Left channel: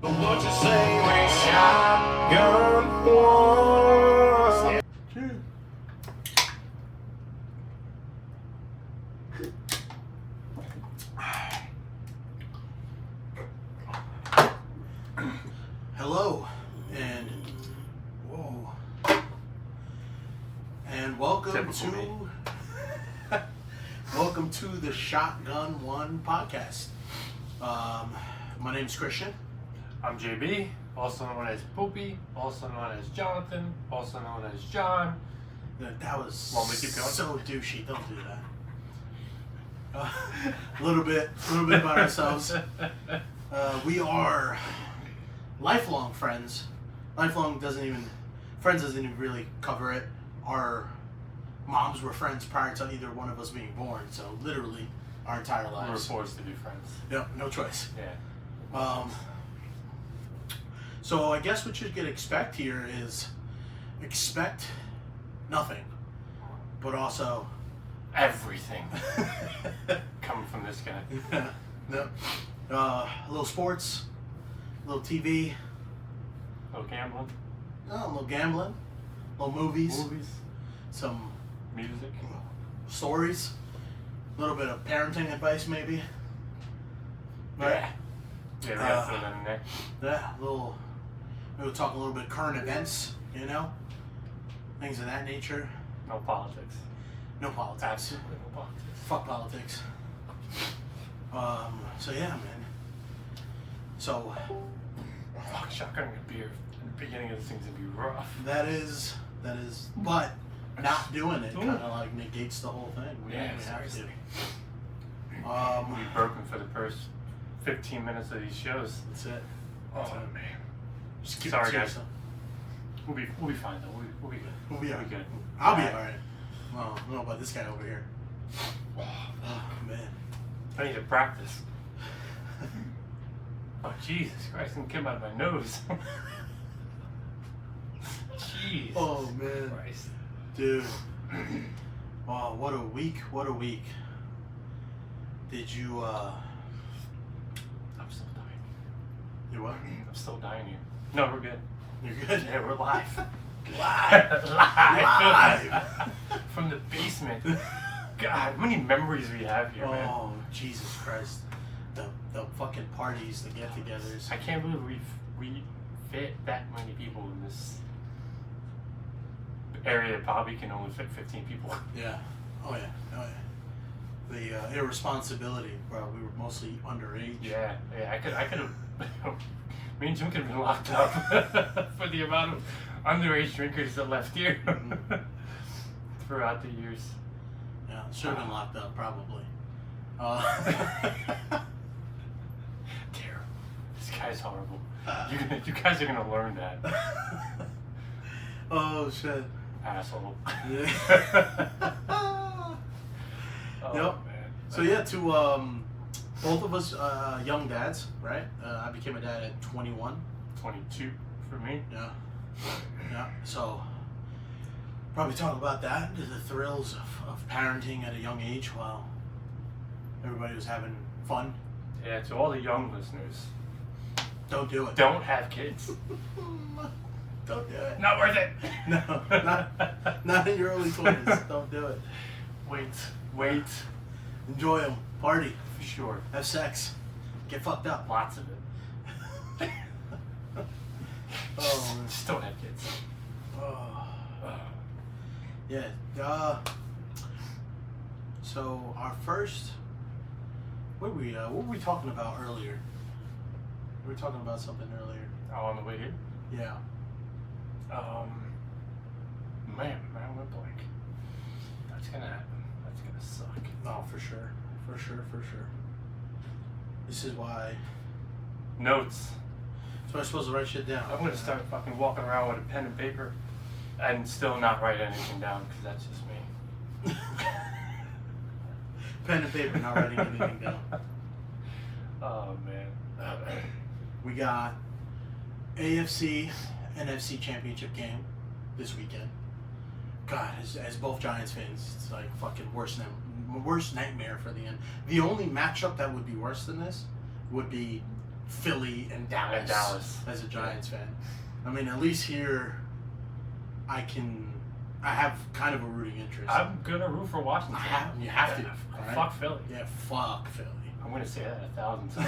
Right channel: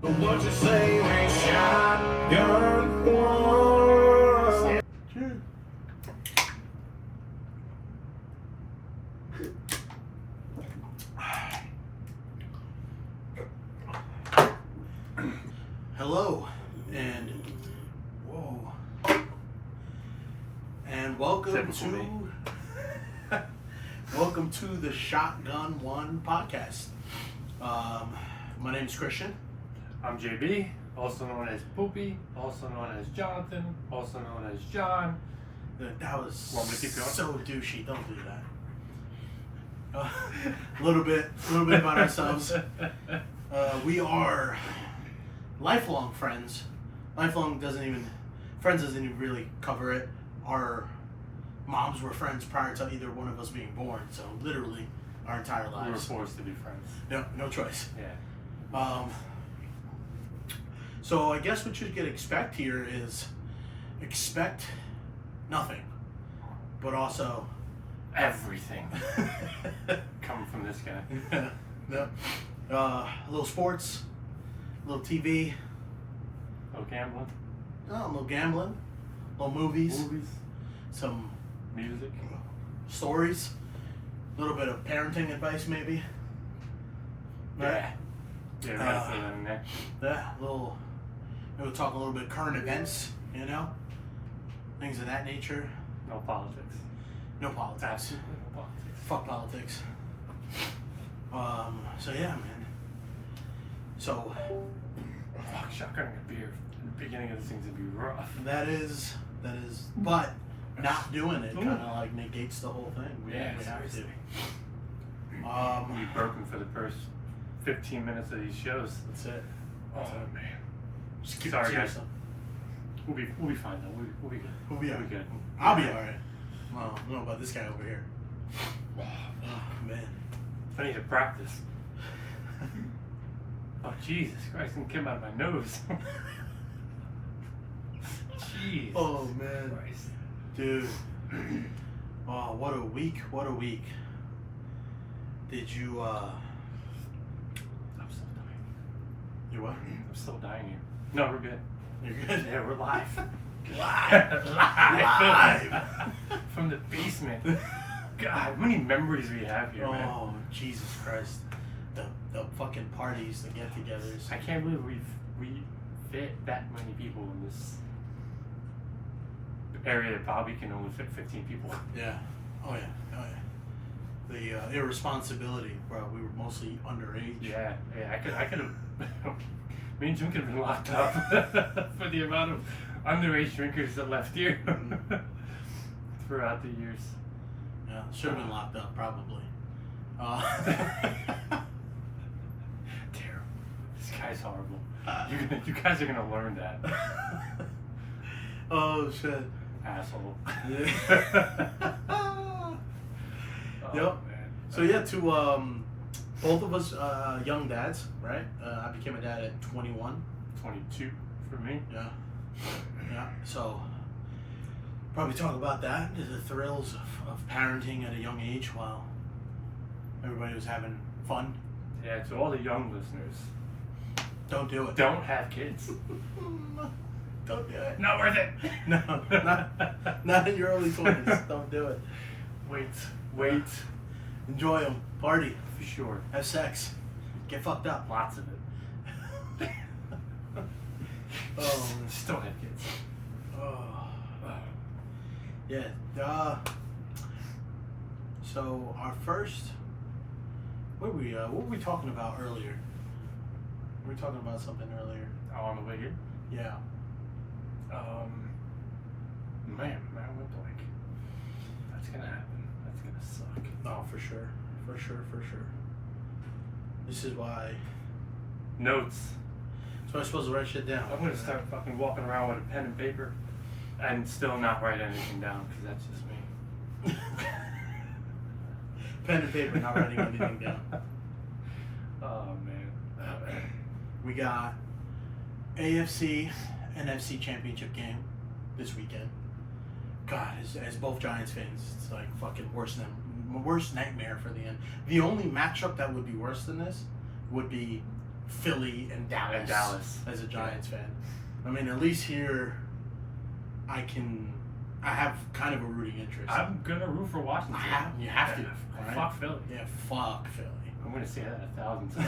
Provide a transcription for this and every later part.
What you say we shotgun one? Hello, and welcome to the Shotgun One podcast. My name is Christian. I'm JB, also known as Poopy, also known as Jonathan, also known as John. That was Want me to keep going? so douchey. Don't do that. A little bit about ourselves. We are lifelong friends. Friends doesn't even really cover it. Our moms were friends prior to either one of us being born. So literally, our entire lives. We were forced to be friends. No choice. Yeah. So I guess what you could expect here is expect nothing, but also Everything coming from this guy. No. A little sports, a little TV, No gambling. a little gambling, a little movies, some Music. stories, a little bit of parenting advice maybe. Right? Yeah, we gotta throw that in there. Yeah, we'll talk a little bit current events, things of that nature. No politics. No politics. Absolutely no politics. Fuck politics. So yeah, man. So Fuck, shotgun beer. The beginning of this thing's gonna be rough. that is, but not doing it kind of like negates the whole thing. We have seriously. to. We'll be burping for the first 15 minutes of these shows. That's it. Oh That's it. man. Just keep Sorry, it to guys. yourself. We'll be fine though. We'll be good. We'll be good. I'll be alright. Well, I don't know about this guy over here. Oh man. I need to practice. Oh Jesus Christ! It came out of my nose. Jeez. Oh man, Christ. dude. Oh, what a week! What a week. Did you? I'm still dying. You what? I'm still dying here. No, we're good. You're good. Yeah, we're live. Live. From the basement. God, how many memories we have here, man. Oh Jesus Christ! The fucking parties, the get-togethers. I can't believe we fit that many people in this area that probably can only fit 15 people. Yeah. Oh yeah. The irresponsibility, bro. We were mostly underage. Yeah. I could have. Me and Jim could have been locked up for the amount of underage drinkers that left here throughout the years. Yeah, should have been locked up probably. Terrible. This guy's horrible. You guys are gonna learn that. Oh shit. Asshole. Yeah. Oh, Yep. man. So yeah, to both of us young dads, right? I became a dad at 21. 22 for me. Yeah. So probably talk about that, the thrills of parenting at a young age while everybody was having fun. Yeah, to all the young listeners, Don't do it. don't have kids. Don't do it. Not worth it. No, not in your early 20s. Don't do it. Wait. Enjoy them. Party. For sure. Have sex. Get fucked up. Lots of it. Oh, man. Just don't have kids. Oh. Yeah. So our first, what were we talking about earlier? We were talking about something earlier. Oh, on the way here? Yeah. Man, I went blank. That's gonna happen. That's gonna suck. Oh, for sure. This is why. Notes. So I'm supposed to write shit down. I'm gonna start fucking walking around with a pen and paper and still not write anything down because that's just me. Pen and paper, not writing anything down. Oh man. We got AFC, NFC championship game this weekend. God, as both Giants fans, it's like fucking worst nightmare for the end. The only matchup that would be worse than this would be Philly and Dallas. As a Giants fan. I mean, at least here, I have kind of a rooting interest. I'm gonna root for Washington. You have to. Right? Fuck Philly. Yeah, fuck Philly. I'm gonna say that 1,000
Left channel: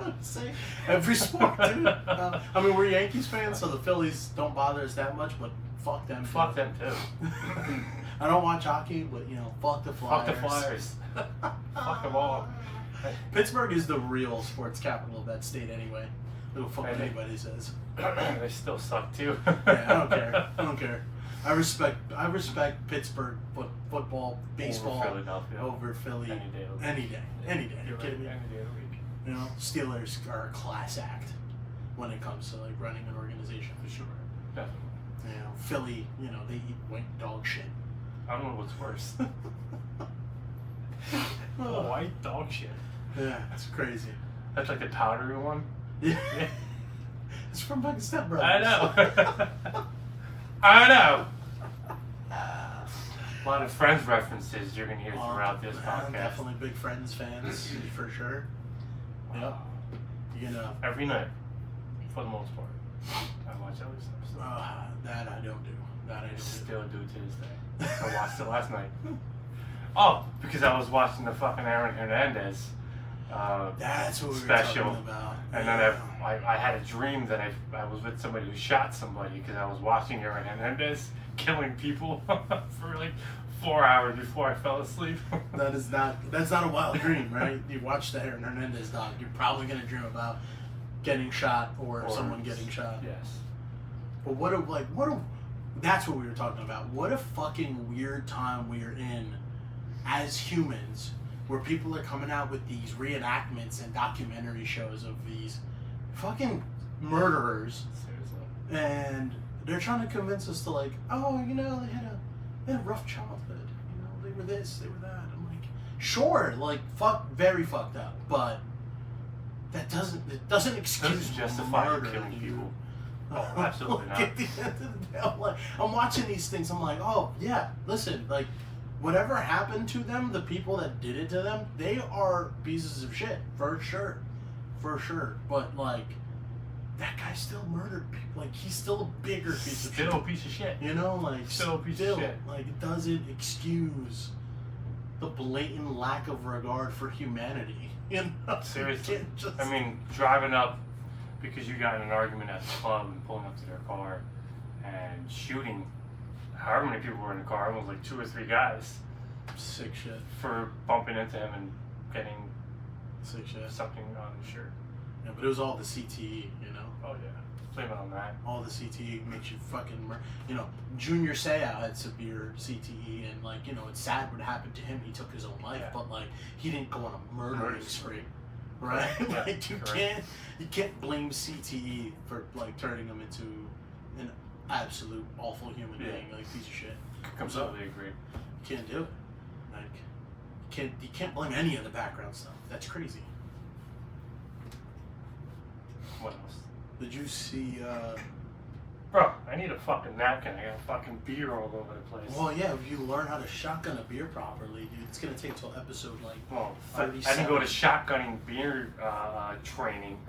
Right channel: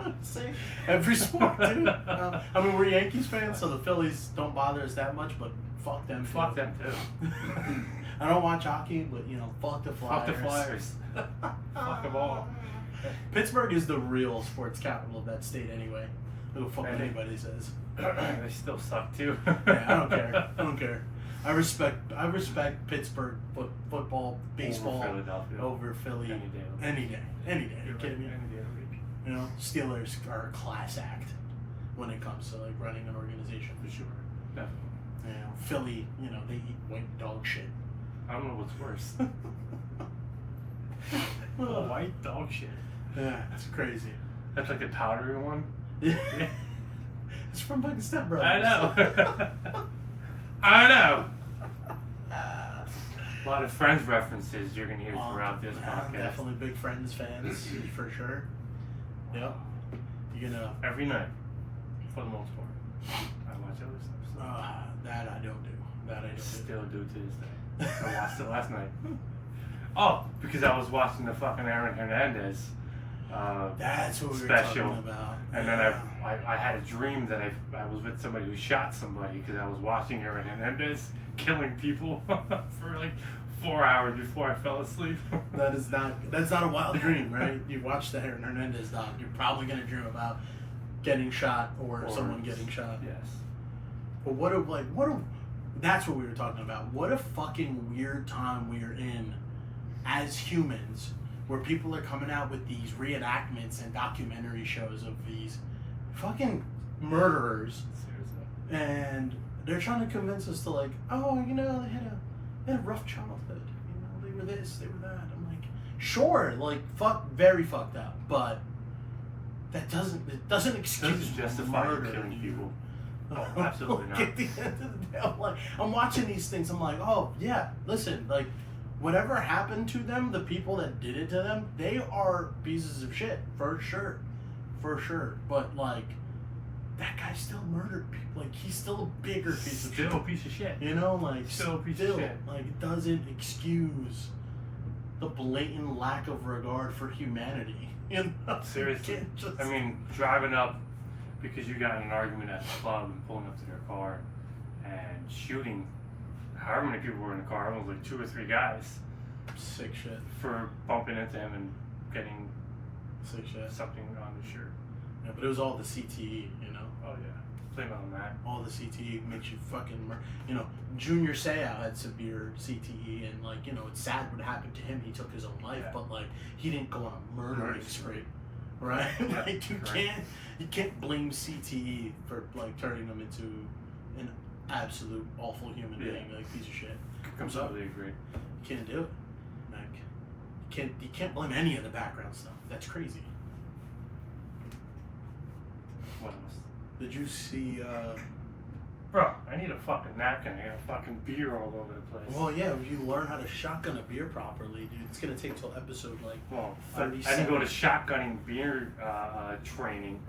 times. Say every sport, dude. I mean, we're Yankees fans, so the Phillies don't bother us that much, but fuck them. Fuck them too. I don't watch hockey, but fuck the Flyers. Fuck the Flyers. Fuck them all. Pittsburgh is the real sports capital of that state, anyway. Who the fuck anybody says. They still suck too. Yeah, I don't care. I respect Pittsburgh football, baseball over Philly any day. You kidding me? Any day of the week. Steelers are a class act when it comes to like running an organization. For sure, definitely. Philly, they eat white dog shit. I don't know what's worse. White dog shit. Yeah, it's crazy. That's like the powdery one. Yeah. It's from fucking Step Brothers. I know. I know. A lot of Friends references you're gonna hear throughout this podcast. Definitely big Friends fans for sure. Yep. You're gonna every night, for the most part. I watch those stuff. That I don't do. Still do to this day. I watched it last night. Oh, because I was watching the fucking Aaron Hernandez. That's what we were special. talking about. And then I had a dream that I was with somebody who shot somebody because I was watching Aaron Hernandez killing people for like 4 hours before I fell asleep. That's not a wild dream, right? You watch the Aaron Hernandez doc, you're probably gonna dream about getting shot or someone getting shot. Yes. But that's what we were talking about. What a fucking weird time we are in as humans, where people are coming out with these reenactments and documentary shows of these fucking murderers. Seriously. And they're trying to convince us to they had a rough childhood. They were this, they were that. I'm like, sure, very fucked up, but it doesn't excuse justify murder. Killing people. Oh, absolutely not. At the end of the day, I'm watching these things. I'm like, oh yeah, listen, whatever happened to them, the people that did it to them, they are pieces of shit for sure. But that guy still murdered people. He's still a bigger piece of shit. Still a piece of shit. Still a piece of shit. It doesn't excuse the blatant lack of regard for humanity. Seriously. I mean, driving up because you got in an argument at the club and pulling up to their car and shooting however many people were in the car, it was like 2 or 3 guys. Sick shit. For bumping into him and getting sick shit. Something on the shirt. Yeah, but it was all the CTE, Oh yeah. Blame it on that. All the CTE makes you fucking Junior Seau had severe CTE, and it's sad what happened to him. He took his own life, but he didn't go on a murdering spree, right? Yeah, you can't blame CTE for turning him into an absolute awful human being, piece of shit. Completely agree. You can't do it. You can't blame any of the background stuff. That's crazy. What else? Did you see? Bro, I need a fucking napkin. I got fucking beer all over the place. Well, yeah, if you learn how to shotgun a beer properly, dude, it's gonna take till episode 37. I didn't go to shotgunning beer training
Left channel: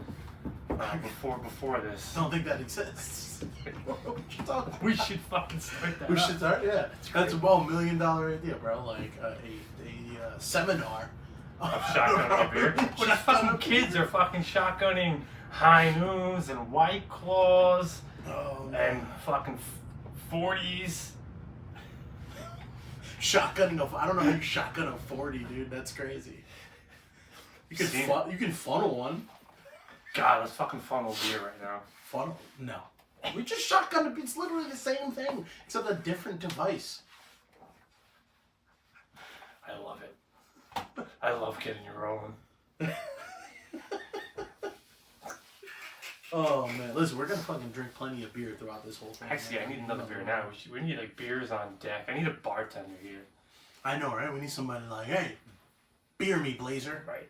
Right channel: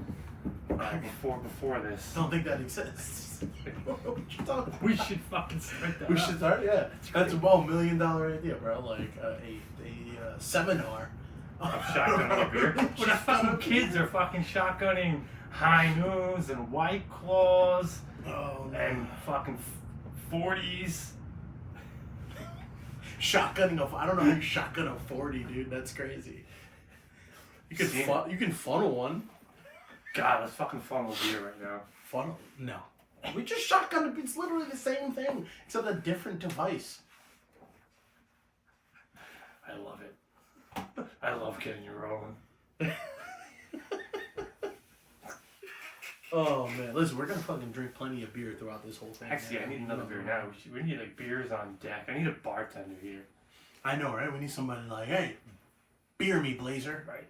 before this. Don't think that exists. What you talking about? We should fucking start that. We should start. Yeah, that's a $1 million idea, bro. A seminar. Of shotgunning beer. These fucking kids are fucking shotgunning High Noons and White Claws and fucking 40s. Shotgunning I don't know how you shotgun a 40, dude. That's crazy. You can funnel one. God, let's fucking funnel beer right now. Funnel? No. We just shotgun. It's literally the same thing, except a different device. I love it. I love getting you rolling. Oh man, listen, we're gonna fucking drink plenty of beer throughout this whole thing. Actually, I need another beer now. We need beers on deck. I need a bartender here. I know, right? We need somebody hey, beer me, Blazer. Right.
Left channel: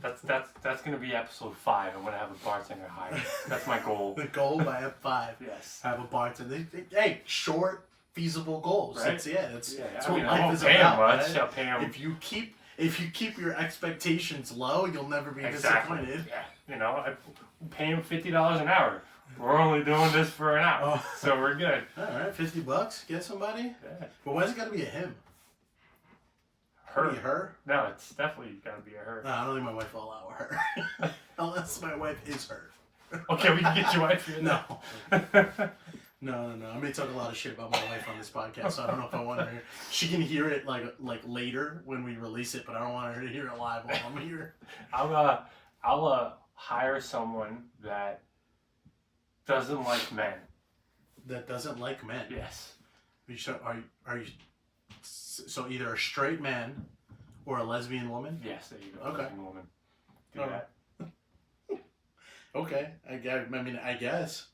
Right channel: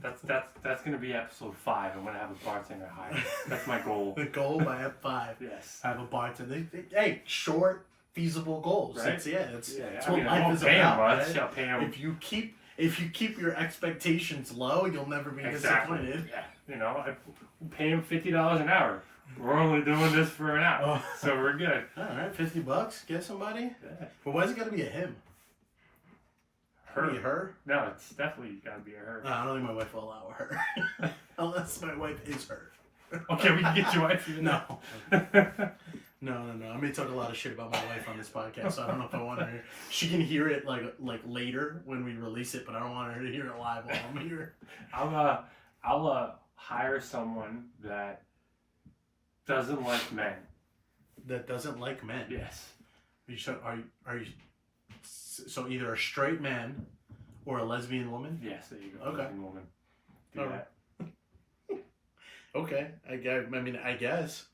That's gonna be episode 5. I'm gonna have a bartender hired. That's my goal. The goal by 5. Yes. Have a bartender. Hey, short, feasible goals. Right? That's what life is about. Right? I'll pay him. If you keep if you keep your expectations low, you'll never be disappointed. Yeah. You know, I pay him $50 an hour. We're only doing this for an hour, so we're good. All right, $50. Get somebody. Yeah. But why's it got to be a him? Her. Be her? No, it's definitely got to be a her. No, I don't think my wife will allow her. Unless my wife is her. Okay, we can get your wife here. No. No. I may talk a lot of shit about my wife on this podcast, so I don't know if I want her here. She can hear it like later when we release it, but I don't want her to hear it live while I'm here. I'll hire someone that doesn't like men. That doesn't like men? Yes. Are you so either a straight man or a lesbian woman? Yes, there you go. Okay. Lesbian woman. Do that. Okay. I guess.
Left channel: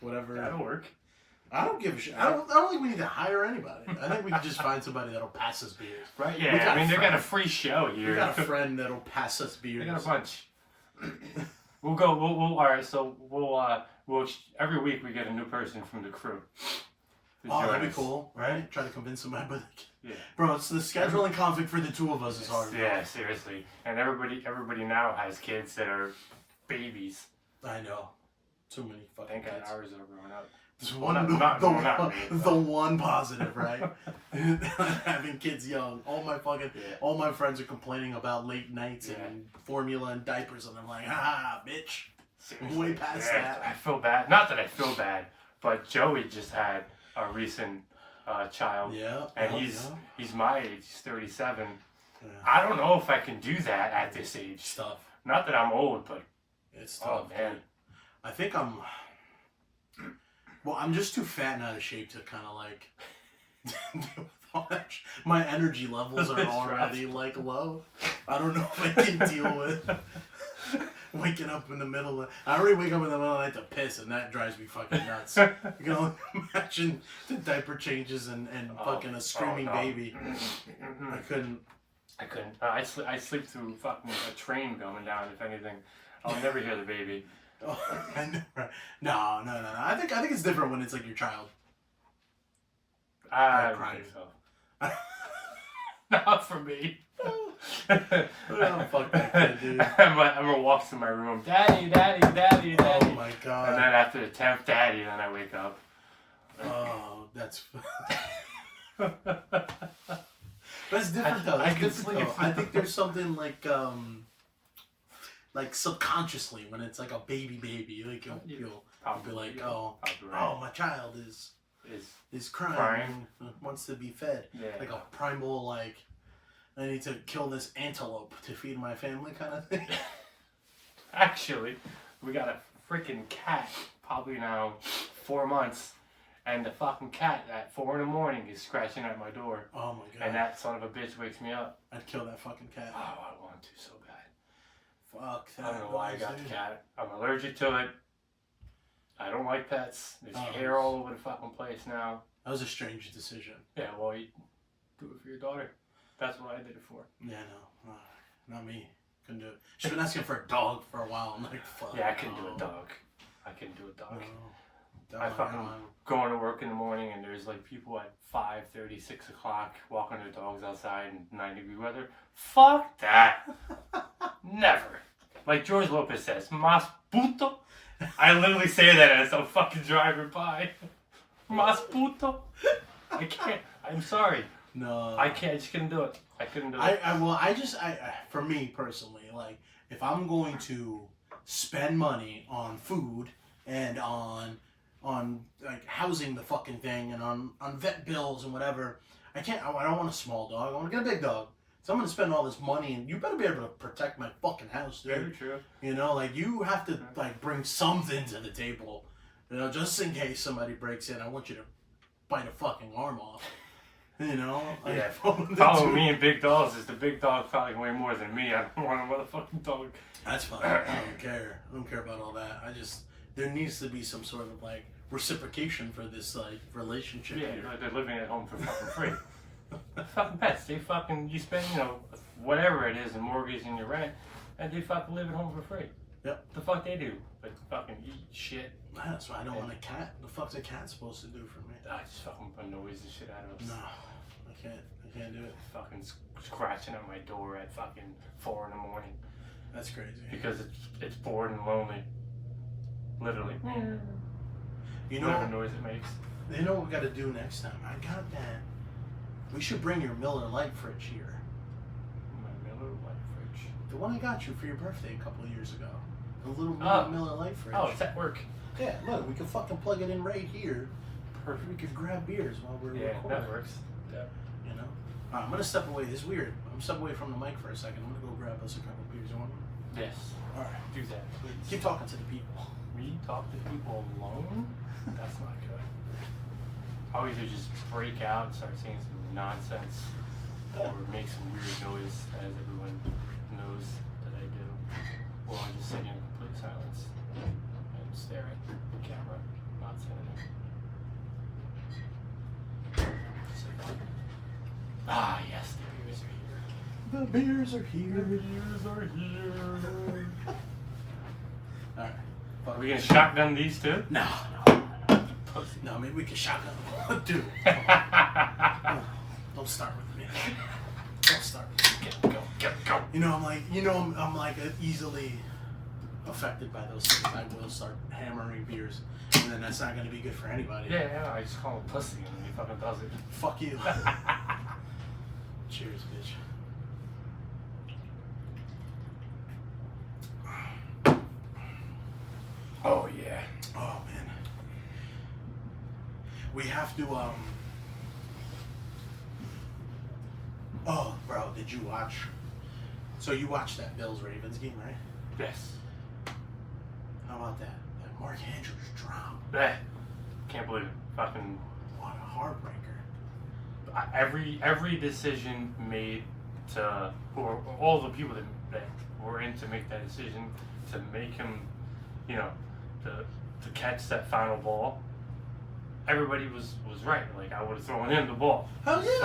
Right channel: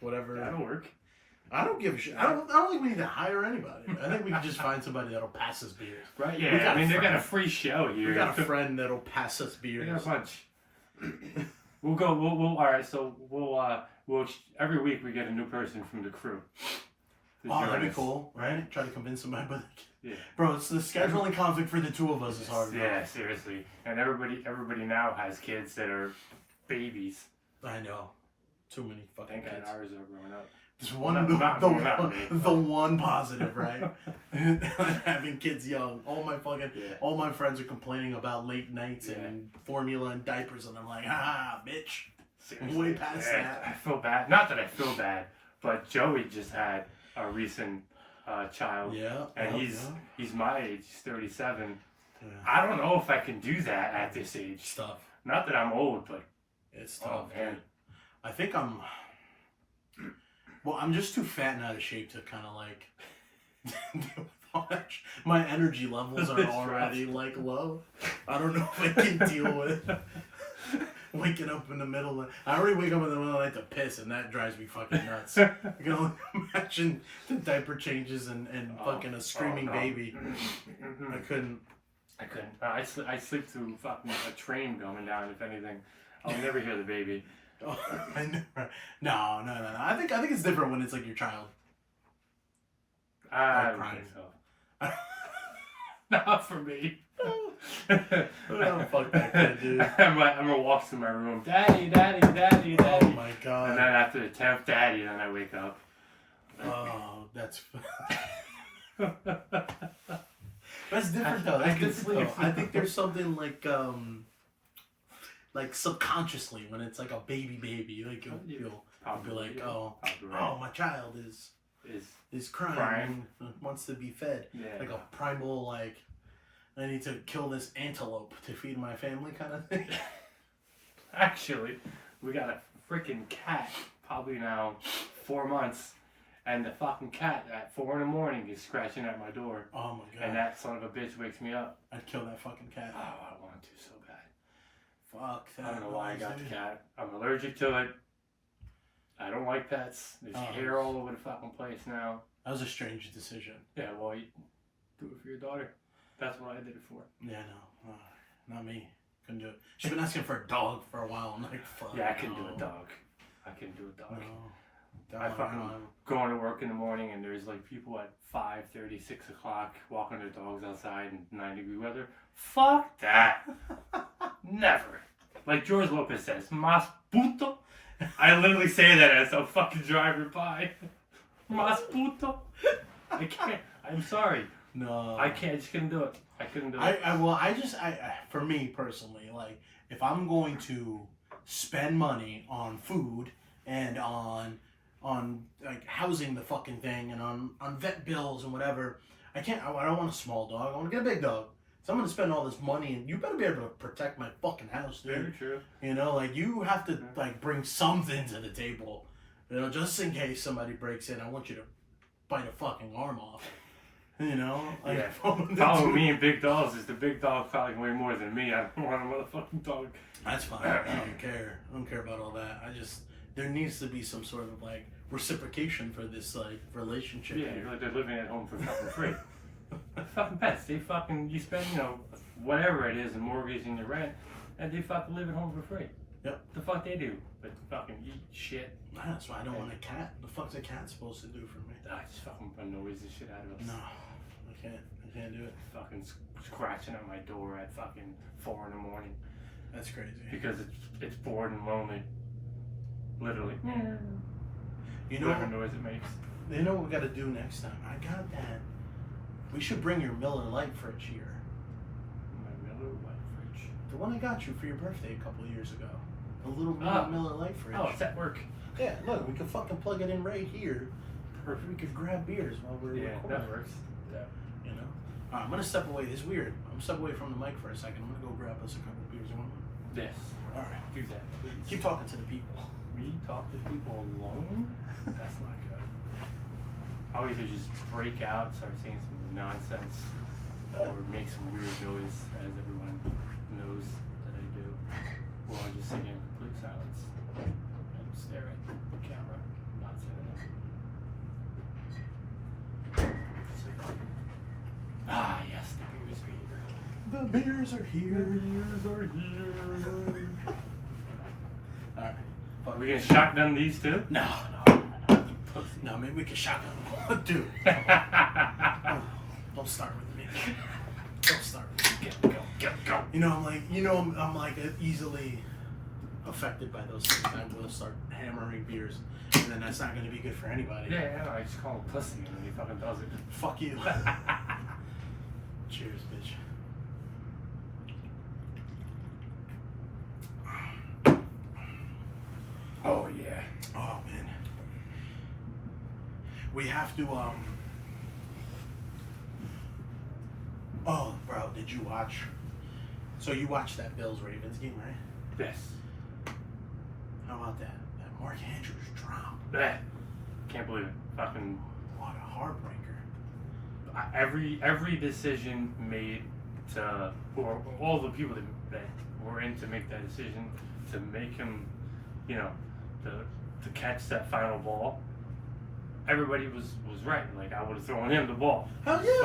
Whatever. That'll work. I don't give a shit. I don't think we need to hire anybody. I think we can just find somebody that'll pass us beers. Right? Yeah. They got a free show here. We got a friend that'll pass us beers. We got a bunch. We'll go. We'll. All right. So we'll. Every week we get a new person from the crew. That'd be cool, right? Try to convince somebody, but yeah, bro, it's the scheduling conflict for the two of us is hard. Yeah, bro. seriously. And everybody now has kids that are babies. I know. Too many fucking Thank kids. God ours are growing up. Just Well, the one positive, right? Having kids young. All my friends are complaining about late nights and formula and diapers, and I'm like, bitch. Seriously. Way past that. I feel bad. Not that I feel bad, but Joey just had a recent child. Yeah. And he's my age. He's 37. Yeah. I don't know if I can do that at this age. It's tough. Not that I'm old, but It's tough. oh man. I think I'm just too fat and out of shape to kind of like deal with all that. My energy levels are already like low. I don't know if I can deal with waking up in the middle of... I already wake up in the middle of the night to piss, and that drives me fucking nuts. You can only imagine the diaper changes and fucking a screaming baby. I couldn't. I sleep through fucking a train going down, if anything. I'll never hear the baby. Oh, I never. No. I think it's different when it's like your child. I don't think so. Not for me. Oh, fuck that kid, dude. I'm gonna walk to my room, daddy. Oh my god. And then after the 10th daddy, then I wake up. Oh, that's different though. That's different though. I think there's something like subconsciously when it's like a baby, like you'll be like, oh, my child is crying and wants to be fed. Yeah, like a primal, like, I need to kill this antelope to feed my family kind of thing. Actually, we got a freaking cat, probably now 4 months, and the fucking cat at 4 a.m. is scratching at my door. Oh my god. And that son of a bitch wakes me up. I'd kill that fucking cat. Oh, I want to so bad. Fuck that. I don't know why I got the cat. I'm allergic to it. I don't like pets. There's hair all over the fucking place now. That was a strange decision. Yeah, well, you do it for your daughter. That's what I did it for. Yeah, no. Not me. Couldn't do it. She's been asking for a dog for a while. I'm like, fuck. Yeah, I couldn't do a dog. I couldn't do a dog. No. I fucking going to work in the morning and there's like people at 5:30, 6 o'clock walking their dogs outside in 90-degree weather. Fuck that. Never. Like George Lopez says, mas puto. I literally say that as I'm fucking driving by. Mas puto. I can't. I'm sorry. No. I can't. I just couldn't do it. I couldn't do it. I for me personally, like, if I'm going to spend money on food and on like housing the fucking thing and on vet bills and whatever, I don't want a small dog. I want to get a big dog. So I'm going to spend all this money, and you better be able to protect my fucking house, dude. Very true. You know, like, you have to, like, bring something to the table. You know, just in case somebody breaks in, I want you to bite a fucking arm off. You know? Like, yeah. Following me and big dogs is the big dog probably way more than me. I don't want a motherfucking dog. That's fine. I don't care. I don't care about all that. There needs to be some sort of, like, reciprocation for this, like, relationship. Yeah, they're living at home for fucking free. Fucking pets, you spend, whatever it is, a mortgage and your rent, and they fucking live at home for free. Yep. The fuck they do? Like fucking eat shit. That's why I don't want a cat. The fuck's a cat supposed to do for me? I just fucking annoys the shit out of us. No. I can't do it. Fucking scratching at my door at fucking 4 a.m. That's crazy. Because it's bored and lonely. Literally. You know whatever noise it makes. You know what we got to do next time? I got that. We should bring your Miller Lite fridge here. My Miller Lite fridge. The one I got you for your birthday a couple of years ago. A little Miller Lite fridge. Oh, it's at work. Yeah, look, we can fucking plug it in right here. Perfect. We could grab beers while we're recording. That works. Yeah. You know? All right, I'm going to step away. It's weird. I'm going to step away from the mic for a second. I'm going to go grab us a couple beers. You want one? Yes. All right. Do that, please. Keep talking to the people. Me talk to people alone? That's not good. I'll either just break out and start saying some nonsense or make some weird noise, as everyone knows that I do, or I'll just sing in complete silence and stare at the camera, not singing it. Ah, yes, the beers are here. The beers are here. The beers are here. All right. Are we gonna shotgun these two? No. No, maybe we can shotgun them. Dude. Don't start with me. Don't start with me. Go. You know, I'm like easily affected by those things. I will start hammering beers, and then that's not going to be good for anybody. Yeah, I just call him pussy and he fucking does it. Fuck you. Cheers, bitch. Oh yeah. Oh man. We have to Oh, bro, did you watch? So you watched that Bills-Ravens game, right? Yes. How about that? That Mark Andrews drop. Can't believe it. Fucking What a heartbreaker. every decision made to, or all the people that were in to make that decision to make him, you know, to catch that final ball. Everybody was right. Like, I would have thrown him the ball. Hell yeah.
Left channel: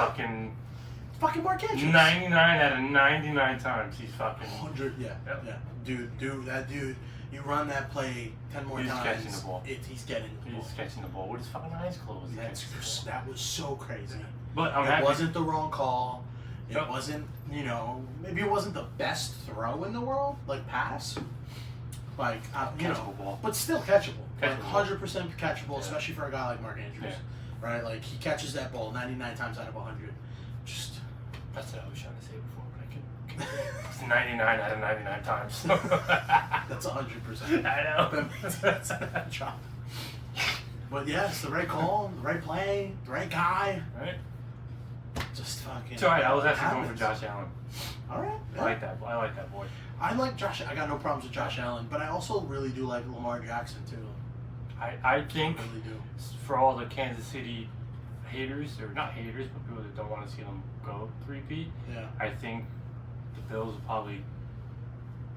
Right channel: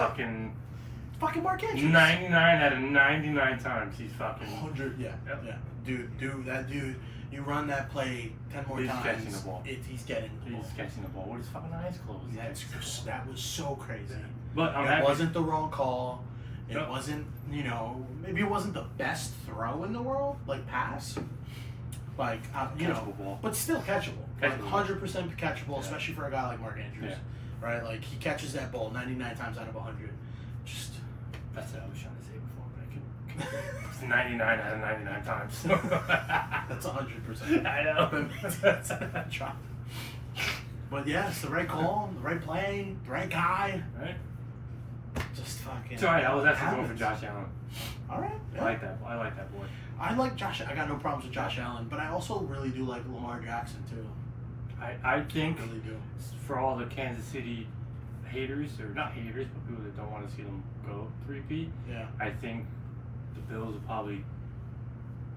Fucking Mark Andrews. 99 out of 99 times he's fucking 100. Yeah. Yep. Yeah. Dude. You run that play 10 more He's times. catching the ball. He's getting the ball. He's catching the ball with his fucking eyes closed. That was so crazy. But I'm it happy. wasn't the wrong call. It Nope. wasn't, maybe it wasn't the best throw in the world, like pass. Like, Catchable ball. but still catchable. Like Catchable. 100% catchable, Yeah. especially for a guy like Mark Andrews. Yeah. Right? Like, he catches that ball 99 times out of 100. Just. That's what I was trying to say before, but I couldn't. It's 99 out of 99 times. That's 100%. I know. Drop. But yeah, it's the right call, the right play, the right guy. Right? Just fucking. It's alright, I was actually going happens. for Josh Allen. Alright. Yeah. I like that boy. I like Josh. I got no problems with Josh Allen, but I also really do like Lamar Jackson too. I think I really do. for all the Kansas City haters, or not haters, but people that don't want to see them go 3P, Yeah. I think the Bills will probably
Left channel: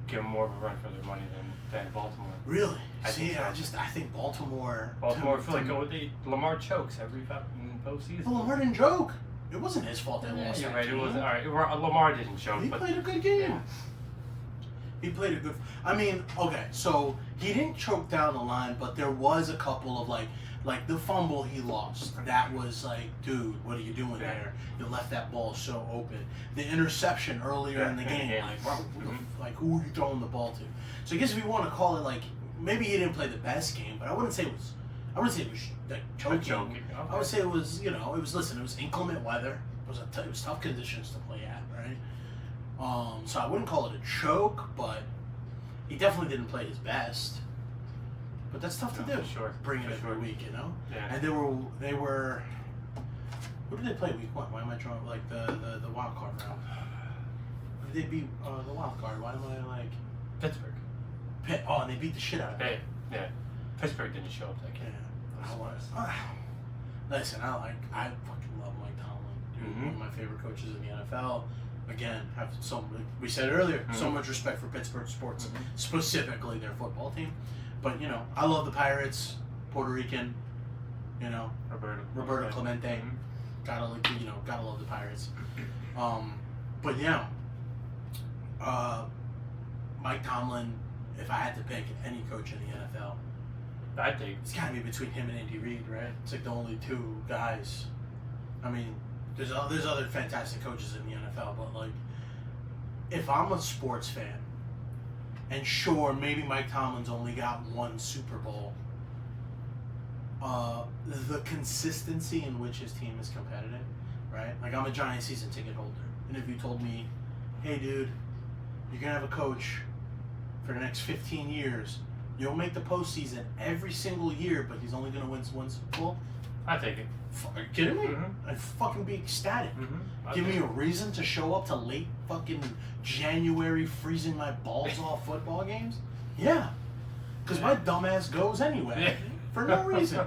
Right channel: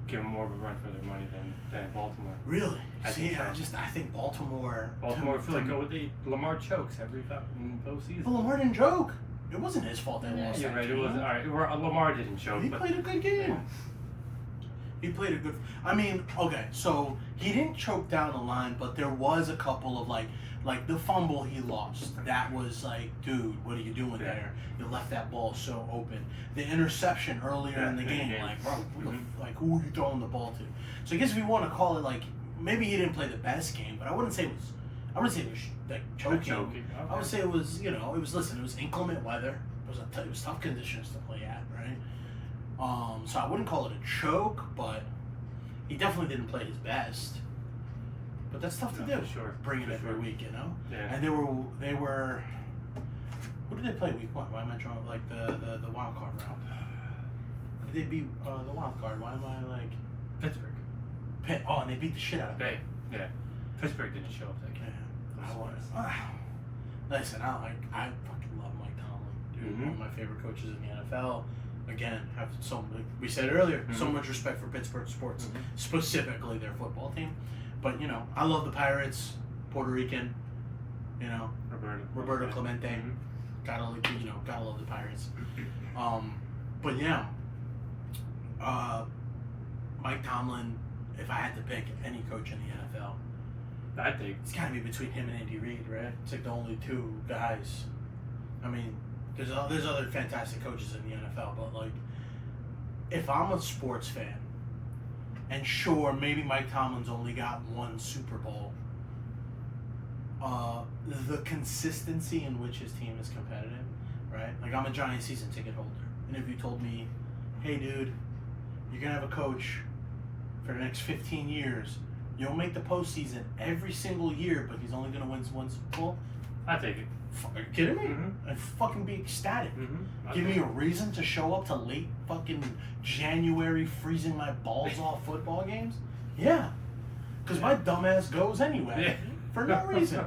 give them more of a run for their money than Baltimore. Really? I See, think so. I think Baltimore. I feel like Lamar chokes every fucking postseason. Well, Lamar didn't joke. It wasn't his fault they Yeah, lost you're that right. game. It was alright. Lamar didn't choke. He but played a good game. He played a good. I mean, okay, so he didn't choke down the line, but there was a couple of like the fumble he lost. That was like, dude, what are you doing there? You left that ball so open. The interception earlier in the game, like, bro, who are you throwing the ball to? So I guess if you want to call it like, maybe he didn't play the best game, but I wouldn't say it was like choking. Okay. I would say it was, it was inclement weather. It was tough conditions to play at, right? So I wouldn't call it a choke, but he definitely didn't play his best. But that's tough to do. For sure. Bring it For every sure. week, Yeah. And they were. Who did they play week 1? Why am I drawing like the wild card round? Who did they beat the wild card? Why am I like Pittsburgh. and they beat the shit out of them. Yeah. Pittsburgh didn't show up that game. Yeah, I was. Listen, I fucking love Mike Tomlin, dude. Mhm. One of my favorite coaches in the NFL. Again, have we said earlier, so much respect for Pittsburgh sports, specifically their football team. But I love the Pirates, Puerto Rican, Roberto Clemente. Mhm. Gotta love the Pirates. But yeah, Mike Tomlin. If I had to pick any coach in the NFL, I think it's got to be between him and Andy Reid, right? It's like the only two guys. I mean, There's other fantastic coaches in the NFL, but like, if I'm a sports fan, and sure, maybe Mike Tomlin's only got one Super Bowl, the consistency in which his team is competitive, right? Like, I'm a Giants season ticket holder, and if you told me, hey dude, you're gonna have a coach for the next 15 years, you'll make the postseason every single year, but he's only gonna win one Super Bowl, I take it. are you kidding me? Mm-hmm. I'd fucking be ecstatic. Mm-hmm. Give me a reason to show up to late fucking January freezing my balls off football games? Yeah. Because my dumbass goes anyway. Yeah. For no reason.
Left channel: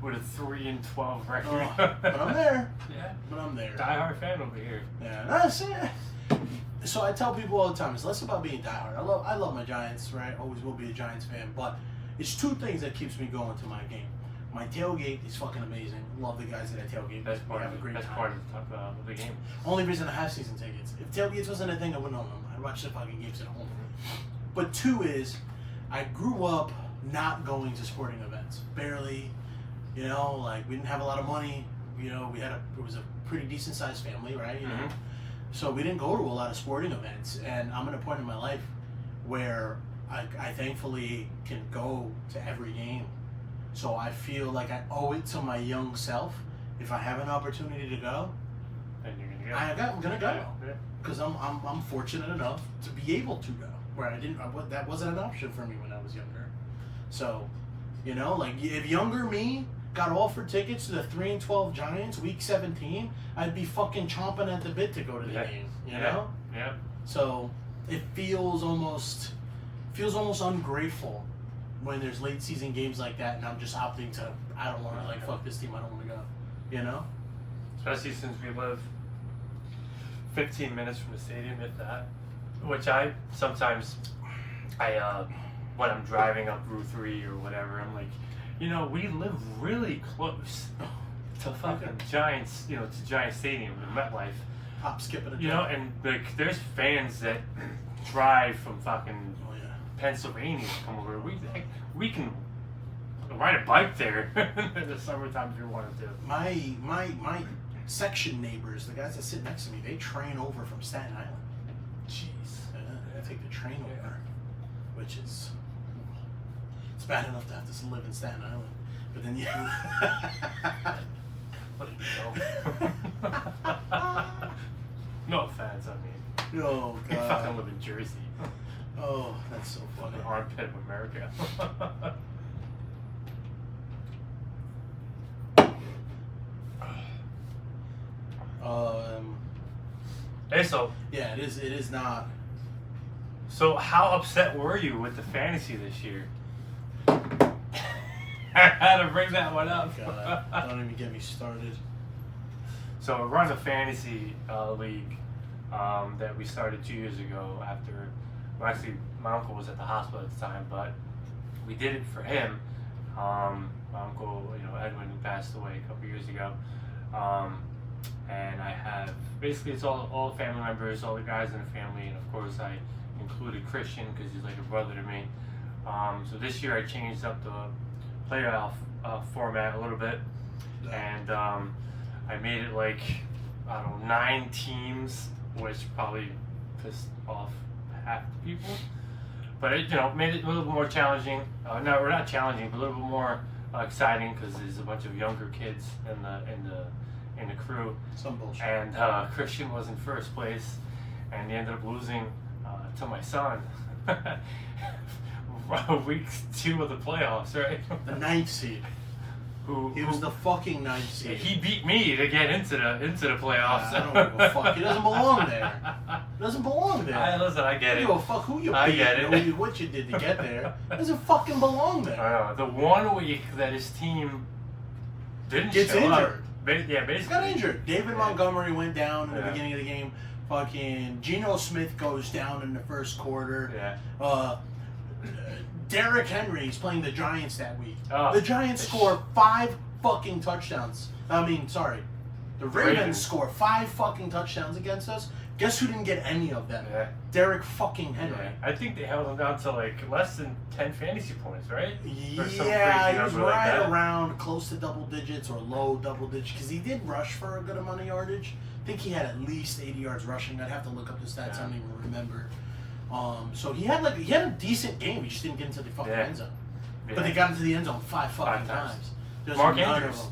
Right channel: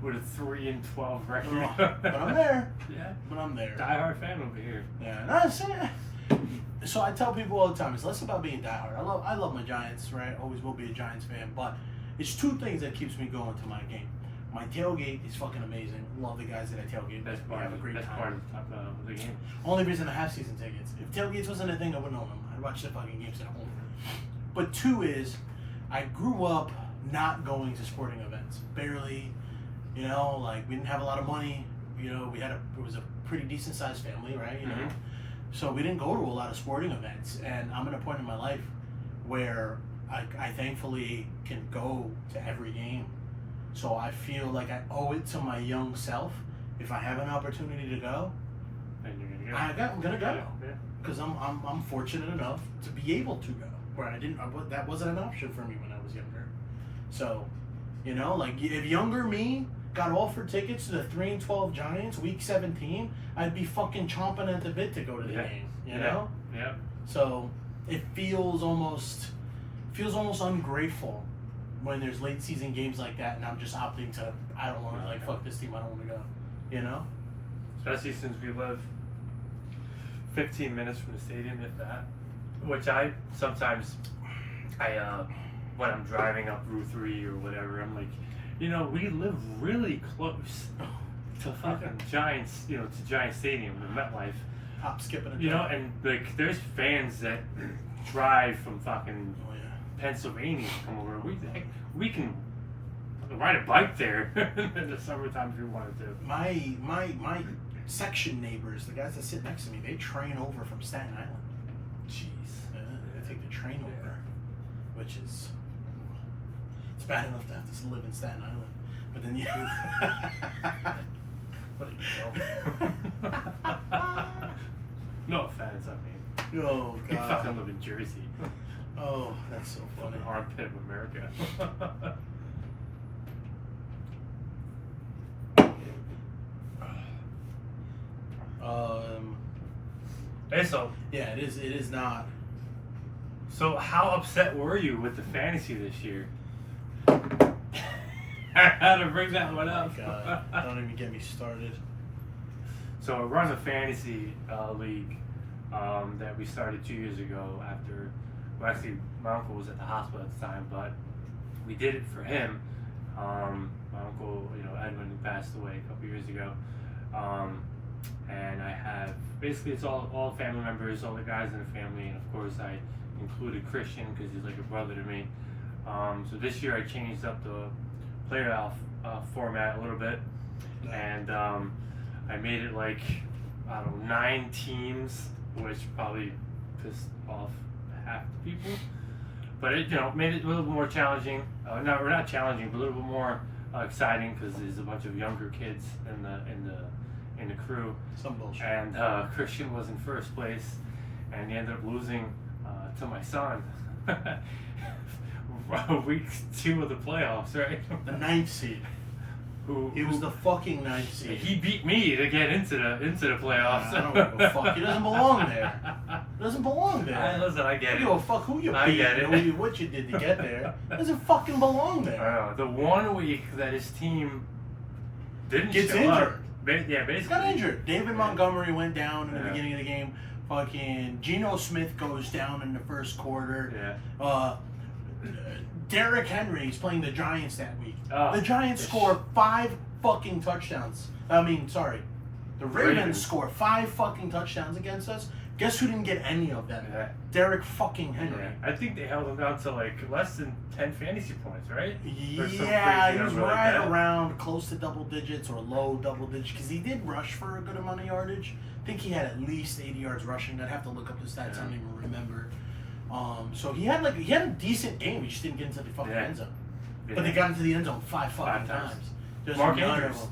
With a 3-12 record. But I'm there. Yeah. But I'm there. Die-hard fan over here. Yeah. That's it. So I tell people all the time, it's less about being diehard. I love my Giants, right? Always will be a Giants fan. But it's two things that keeps me going to my game. My tailgate is fucking amazing. Love the guys that I tailgate. That's We have a great that's time. part of the game. Only reason I have season tickets. If tailgates wasn't a thing, I wouldn't own them. I'd watch the fucking games at home. But two is, I grew up not going to sporting events. Barely. You know, like, we didn't have a lot of money. You know, it was a pretty decent sized family, right? You know? Mm-hmm. So we didn't go to a lot of sporting events. And I'm at a point in my life where I thankfully can go to every game. So I feel like I owe it to my young self. If I have an opportunity to go, And you're gonna go. I'm gonna go. Yeah. Because I'm fortunate enough to be able to go. Where that wasn't an option for me when I was younger. So, you know, like, if younger me got offered tickets to the 3-12 Giants week 17, I'd be fucking chomping at the bit to go to the game. You know? Yeah. So it feels almost ungrateful when there's late season games like that, and I'm just opting to, I don't want to, like, fuck this team, I don't want to go, you know? Especially since we live 15 minutes from the stadium, if that. Which I sometimes, when I'm driving up Route 3 or whatever, I'm like, you know, we live really close to fucking Giants, you know, to Giant Stadium in MetLife. Hop, skip, and a You know, jump. and like, there's fans that drive from fucking Oh, yeah. Pennsylvania to come over. We can ride a bike there in the summertime if we wanted to. My section neighbors, the guys that sit next to me, they train over from Staten Island. Jeez. They take the train over, which is, it's bad enough to have to live in Staten Island, but then What a joke. No offense, I mean. Oh You fucking god. live in Jersey. Oh, that's so funny. The armpit of America. Hey, so Yeah, it is not. how upset were you with the fantasy this year? I had to bring that one up. Oh god, don't even get me started. So we run a fantasy league that we started 2 years ago after, well, actually my uncle was at the hospital at the time, but we did it for him. My uncle, you know, Edwin, who passed away a couple years ago. And I have, basically it's all family members, all the guys in the family, and of course I included Christian because he's like a brother to me. So this year I changed up the playoff format a little bit, and I made it like, I don't know, 9 teams, which probably pissed off half the people. But it, you know, made it a little bit more challenging. No, we're not challenging, but a little bit more exciting because there's a bunch of younger kids in the crew. Some bullshit. And Christian was in first place, and he ended up losing to my son. Week 2 of the playoffs, right? The 9th seed. He was the fucking 9th seed. He beat me to get into the playoffs. I don't give a fuck. He doesn't belong there. He doesn't belong there. Listen, I get I it. don't give a fuck who you I beat get it. and what you did to get there. He doesn't fucking belong there. I don't know. The 1 week that his team didn't Gets show injured. up, basically. He got injured. David Montgomery went down in the beginning of the game. Fucking Geno Smith goes down in the first quarter. Yeah. Derrick Henry's playing the Giants that week. Oh. The Giants score 5 fucking touchdowns. The Ravens score 5 fucking touchdowns against us. Guess who didn't get any of them? Yeah. Derek fucking Henry. Yeah. I think they held him down to like less than 10 fantasy points, right? Yeah, he was right around close to double digits or low double digits because he did rush for a good amount of yardage. I think he had at least 80 yards rushing. I'd have to look up the stats. I don't even remember. So he had a decent game. He just didn't get into the fucking end zone. Yeah. But they got into the end zone five times. Mark Andrews.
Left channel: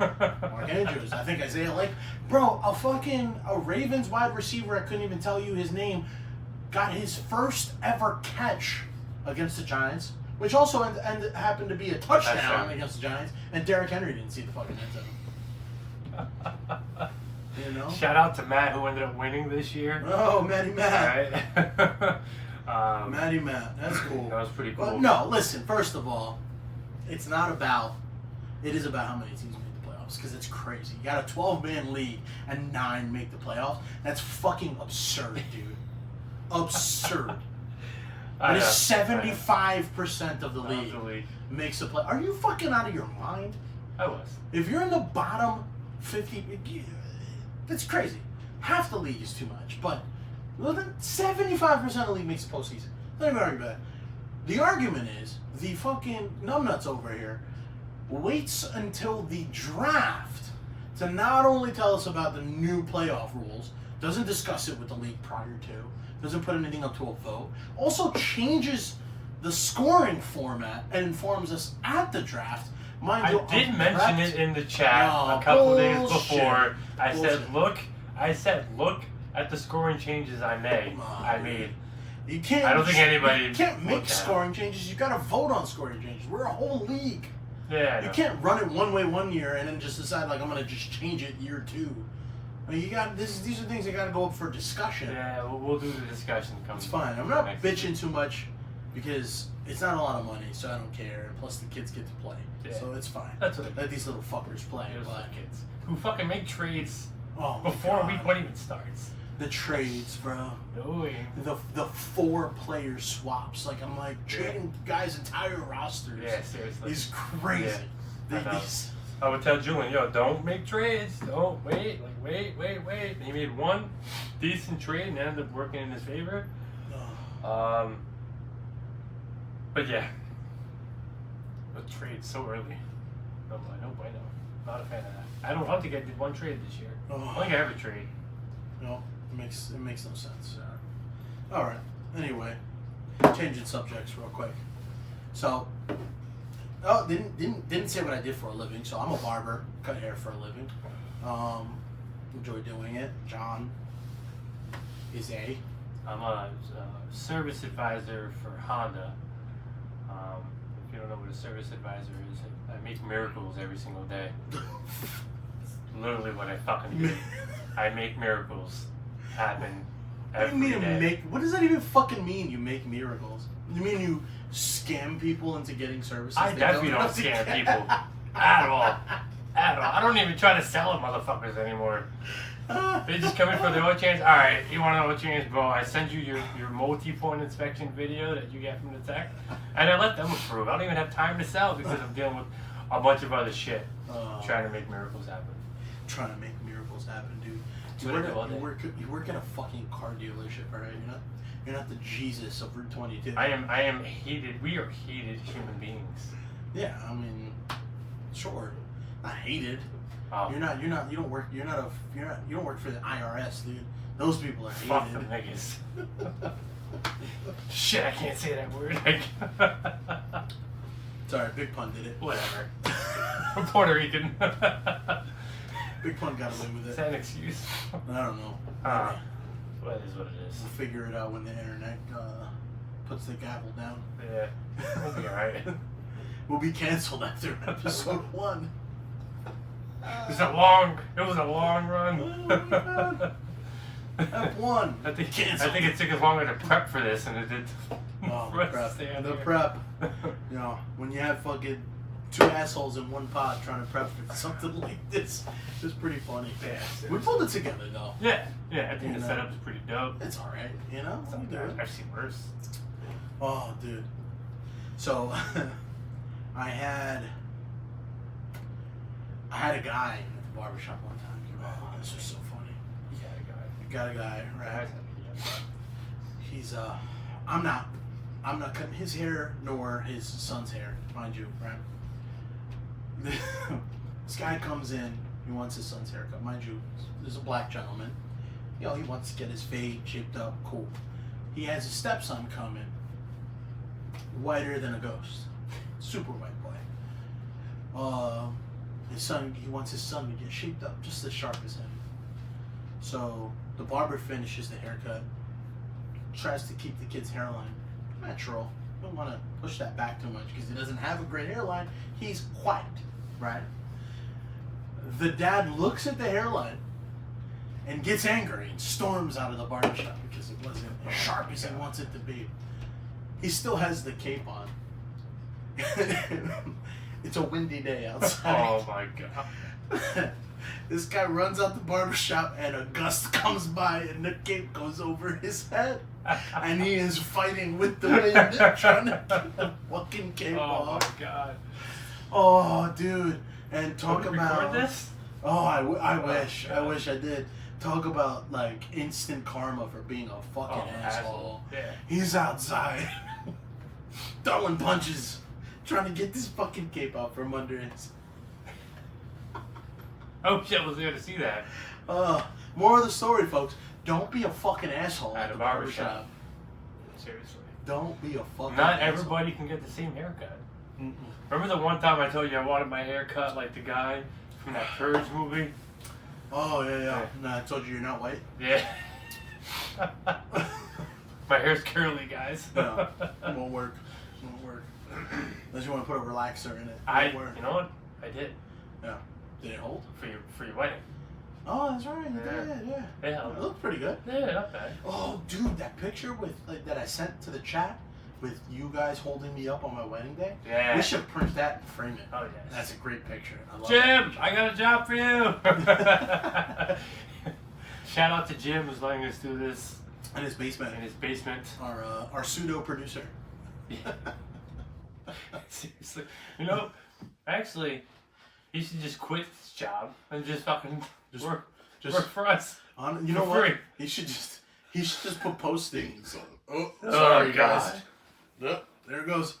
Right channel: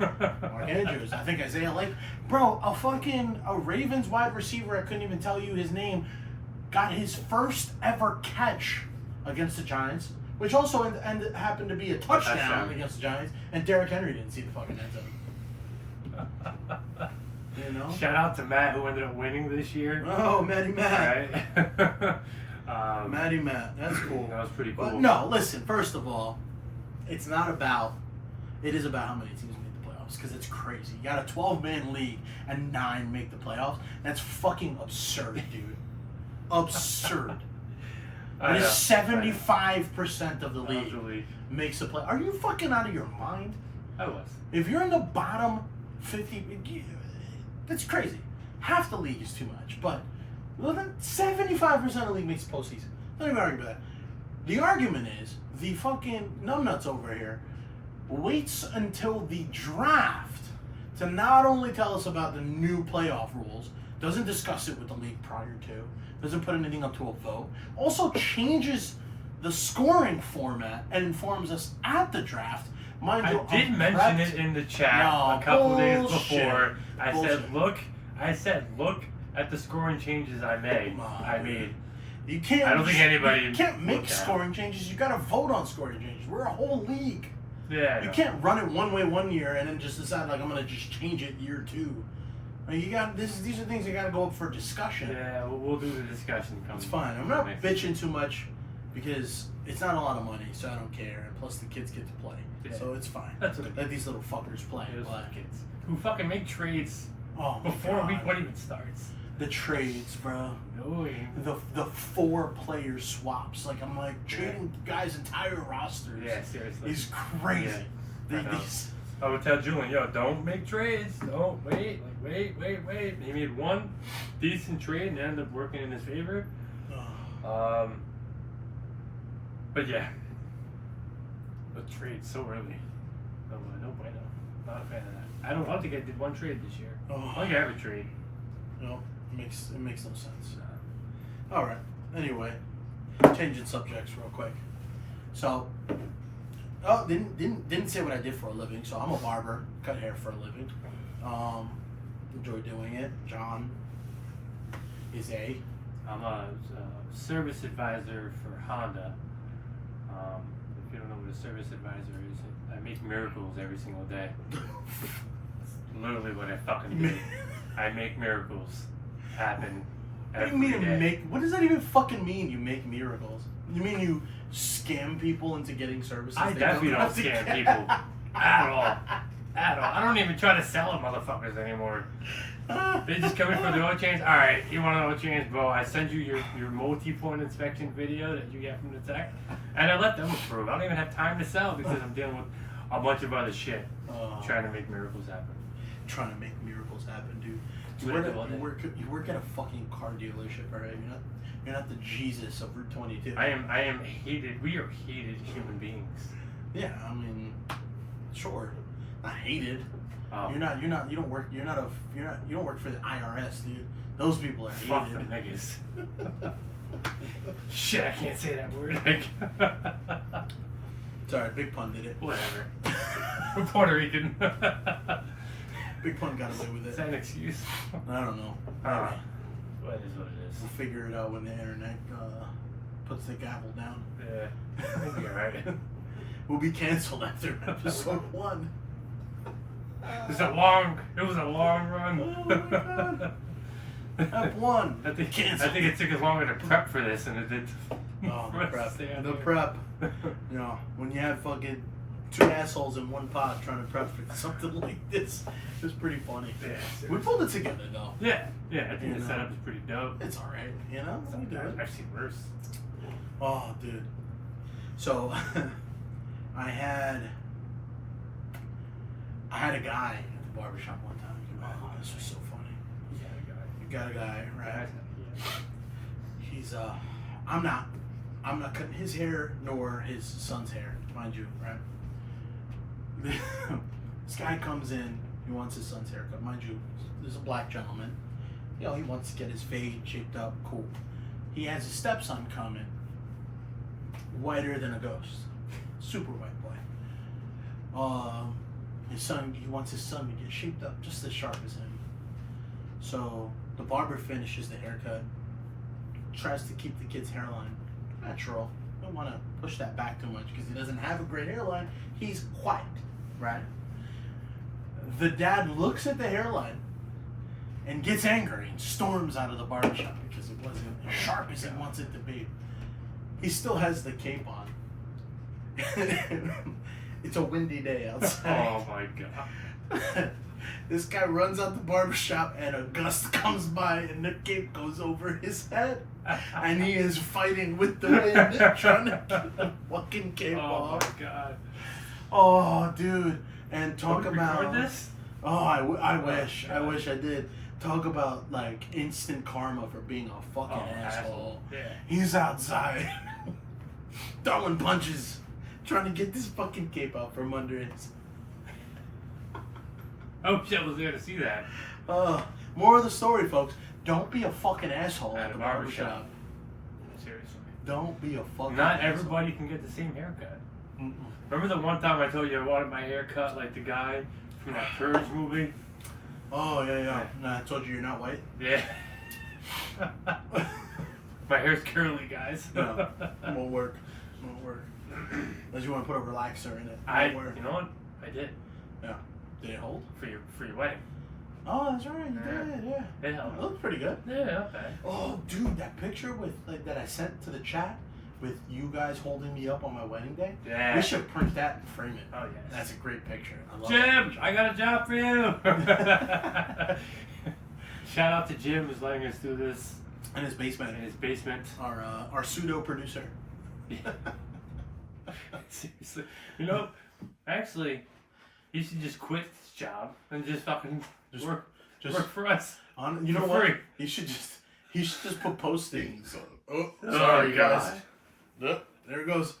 Mark Andrews. I think Isaiah Lake. Bro, a Ravens wide receiver, I couldn't even tell you his name, got his first ever catch against the Giants, which also happened to be a touchdown against the Giants, and Derrick Henry didn't see the fucking end zone. You know? Shout out to Matt, who ended up winning this year. Oh, Matty Matt. Right? Matty Matt. That's cool. That was pretty cool. But no, listen, first of all, it is about how many teams make the playoffs, because it's crazy. You got a 12-man league and 9 make the playoffs. That's fucking absurd, dude. Absurd. It is 75% of the league makes the play. Are you fucking out of your mind? I was. If you're in the bottom 50, that's crazy. Half the league is too much, but then 75% of the league makes the postseason. Don't even argue about that. The argument is the fucking numbnuts over here waits until the draft to not only tell us about the new playoff rules, doesn't discuss it with the league prior to, doesn't put anything up to a vote, also changes the scoring format and informs us at the draft. Mind you, I did mention it in the chat a couple days before. I said, look at the scoring changes I made. I mean, you can't. I don't think anybody. You can't make scoring changes. You got to vote on scoring changes. We're a whole league. Yeah. You can't run it one way one year and then just decide like I'm gonna just change it year 2. I mean, these are things that got to go up for discussion. Yeah, we'll do the discussion. It's fine. I'm not bitching too much because it's not a lot of money, so I don't care. And plus, the kids get to play, so it's fine. That's what let these little fuckers play. Kids who fucking make trades before week 1 even starts. The trades, bro. No. The 4-player swaps. Like, I'm like, trading guys' entire rosters. Yeah, seriously. Is crazy. Yeah. I would tell Julian, don't make trades. Don't wait. Like, wait. He made one decent trade and ended up working in his favor. But yeah. The trade so early. I'm like, no bueno. Not a fan of that. I don't think I did one trade this year. I don't think I ever trade. No. It makes no sense. All right. Anyway, changing subjects real quick. So, didn't say what I did for a living. So I'm a barber, cut hair for a living. Enjoy doing it. John is I'm a service advisor for Honda. If you don't know what a service advisor is, I make miracles every single day. Literally what I fucking do. I make miracles happen every day. What does that even fucking mean? You make miracles? You mean you scam people into getting services? I definitely don't scam people at all. I don't even try to sell them motherfuckers anymore. They just come in for the oil change. All right, you want an oil change, bro? I send you your multi-point inspection video that you get from the tech, and I let them approve. I don't even have time to sell because I'm dealing with a bunch of other shit, trying to make miracles happen. Trying to make miracles happen, dude. You work at a fucking car dealership, all right? You're not the Jesus of Route 22. I am hated. We are hated human beings. Yeah, I mean, sure, not hated. Oh. You don't work for the IRS, dude. Those people are hated. Fuck them niggas. Shit, I can't say that word. Sorry, Big Pun did it. Whatever. I'm Puerto Rican. Big Pun got away with it. Is that an excuse? I don't know. What is what it is. We'll figure it out when the internet puts the gavel down. Yeah. We'll be alright. We'll be canceled after episode 1. It was a long run. Oh my god. F1. I think it took us longer to prep for this than it did. The prep. You know, when you have fucking 2 assholes in one pot trying to prep for something like this, it's pretty funny. Yeah, we pulled it together though. Yeah. I think the setup is pretty dope. It's alright, you know? We do it. I've seen worse. Oh, dude. So, I had a guy at the barbershop one time. Oh, this was so funny. The got a guy, right? He's I'm not cutting his hair nor his son's hair, mind you, right? This guy comes in, he wants his son's haircut, mind you. There's a black gentleman, you know, he wants to get his fade shaped up, cool. He has a stepson coming, whiter than a ghost, super white boy. His son, he wants his son to get shaped up just as sharp as him. So the barber finishes the haircut, tries to keep the kid's hairline natural. Don't want to push that back too much because he doesn't have a great hairline. He's quiet, right? The dad looks at the hairline and gets angry and storms out of the barbershop because it wasn't as sharp as he wants it to be. He still has the cape on. It's a windy day outside. Oh my god. This guy runs out the barbershop and a gust comes by and the cape goes over his head. And he is fighting with the wind trying to get the fucking cape off. Oh my god. Oh, dude. And talk Can we about... record this? Oh, I wish. I wish I did. Talk about, like, instant karma for being a fucking asshole. Yeah. He's outside throwing punches, trying to get this fucking cape out from under his... Oh shit, I was there to see that. More of the story, folks. Don't be a fucking asshole at At the a barbershop. barbershop. Seriously. Don't be a fucking Not asshole. everybody can get the same haircut. Mm-mm. Remember the one time I told you I wanted my hair cut like the guy from that Purge movie? Oh, yeah. Nah, I told you you're not white. Yeah. My hair's curly, guys. No, won't work. Won't work. Unless you want to put a relaxer in it. You know what? I did. Yeah. Did it hold? For your wedding. Oh, that's right. You did, yeah. Yeah. It looked pretty good. Yeah, not bad. Oh, dude, that picture with that I sent to the chat with you guys holding me up on my wedding day. Yeah. We should print that and frame it. Oh yes. That's a great picture. I love Jim, I got a job for you. Shout out to Jim who's letting us do this in his basement. in his basement. Our pseudo producer. Seriously, you know, actually, you should just quit this job and just fucking work for us. You know what? free. He should just put postings. Oh, Oh, sorry guys. God. Oh, there it goes.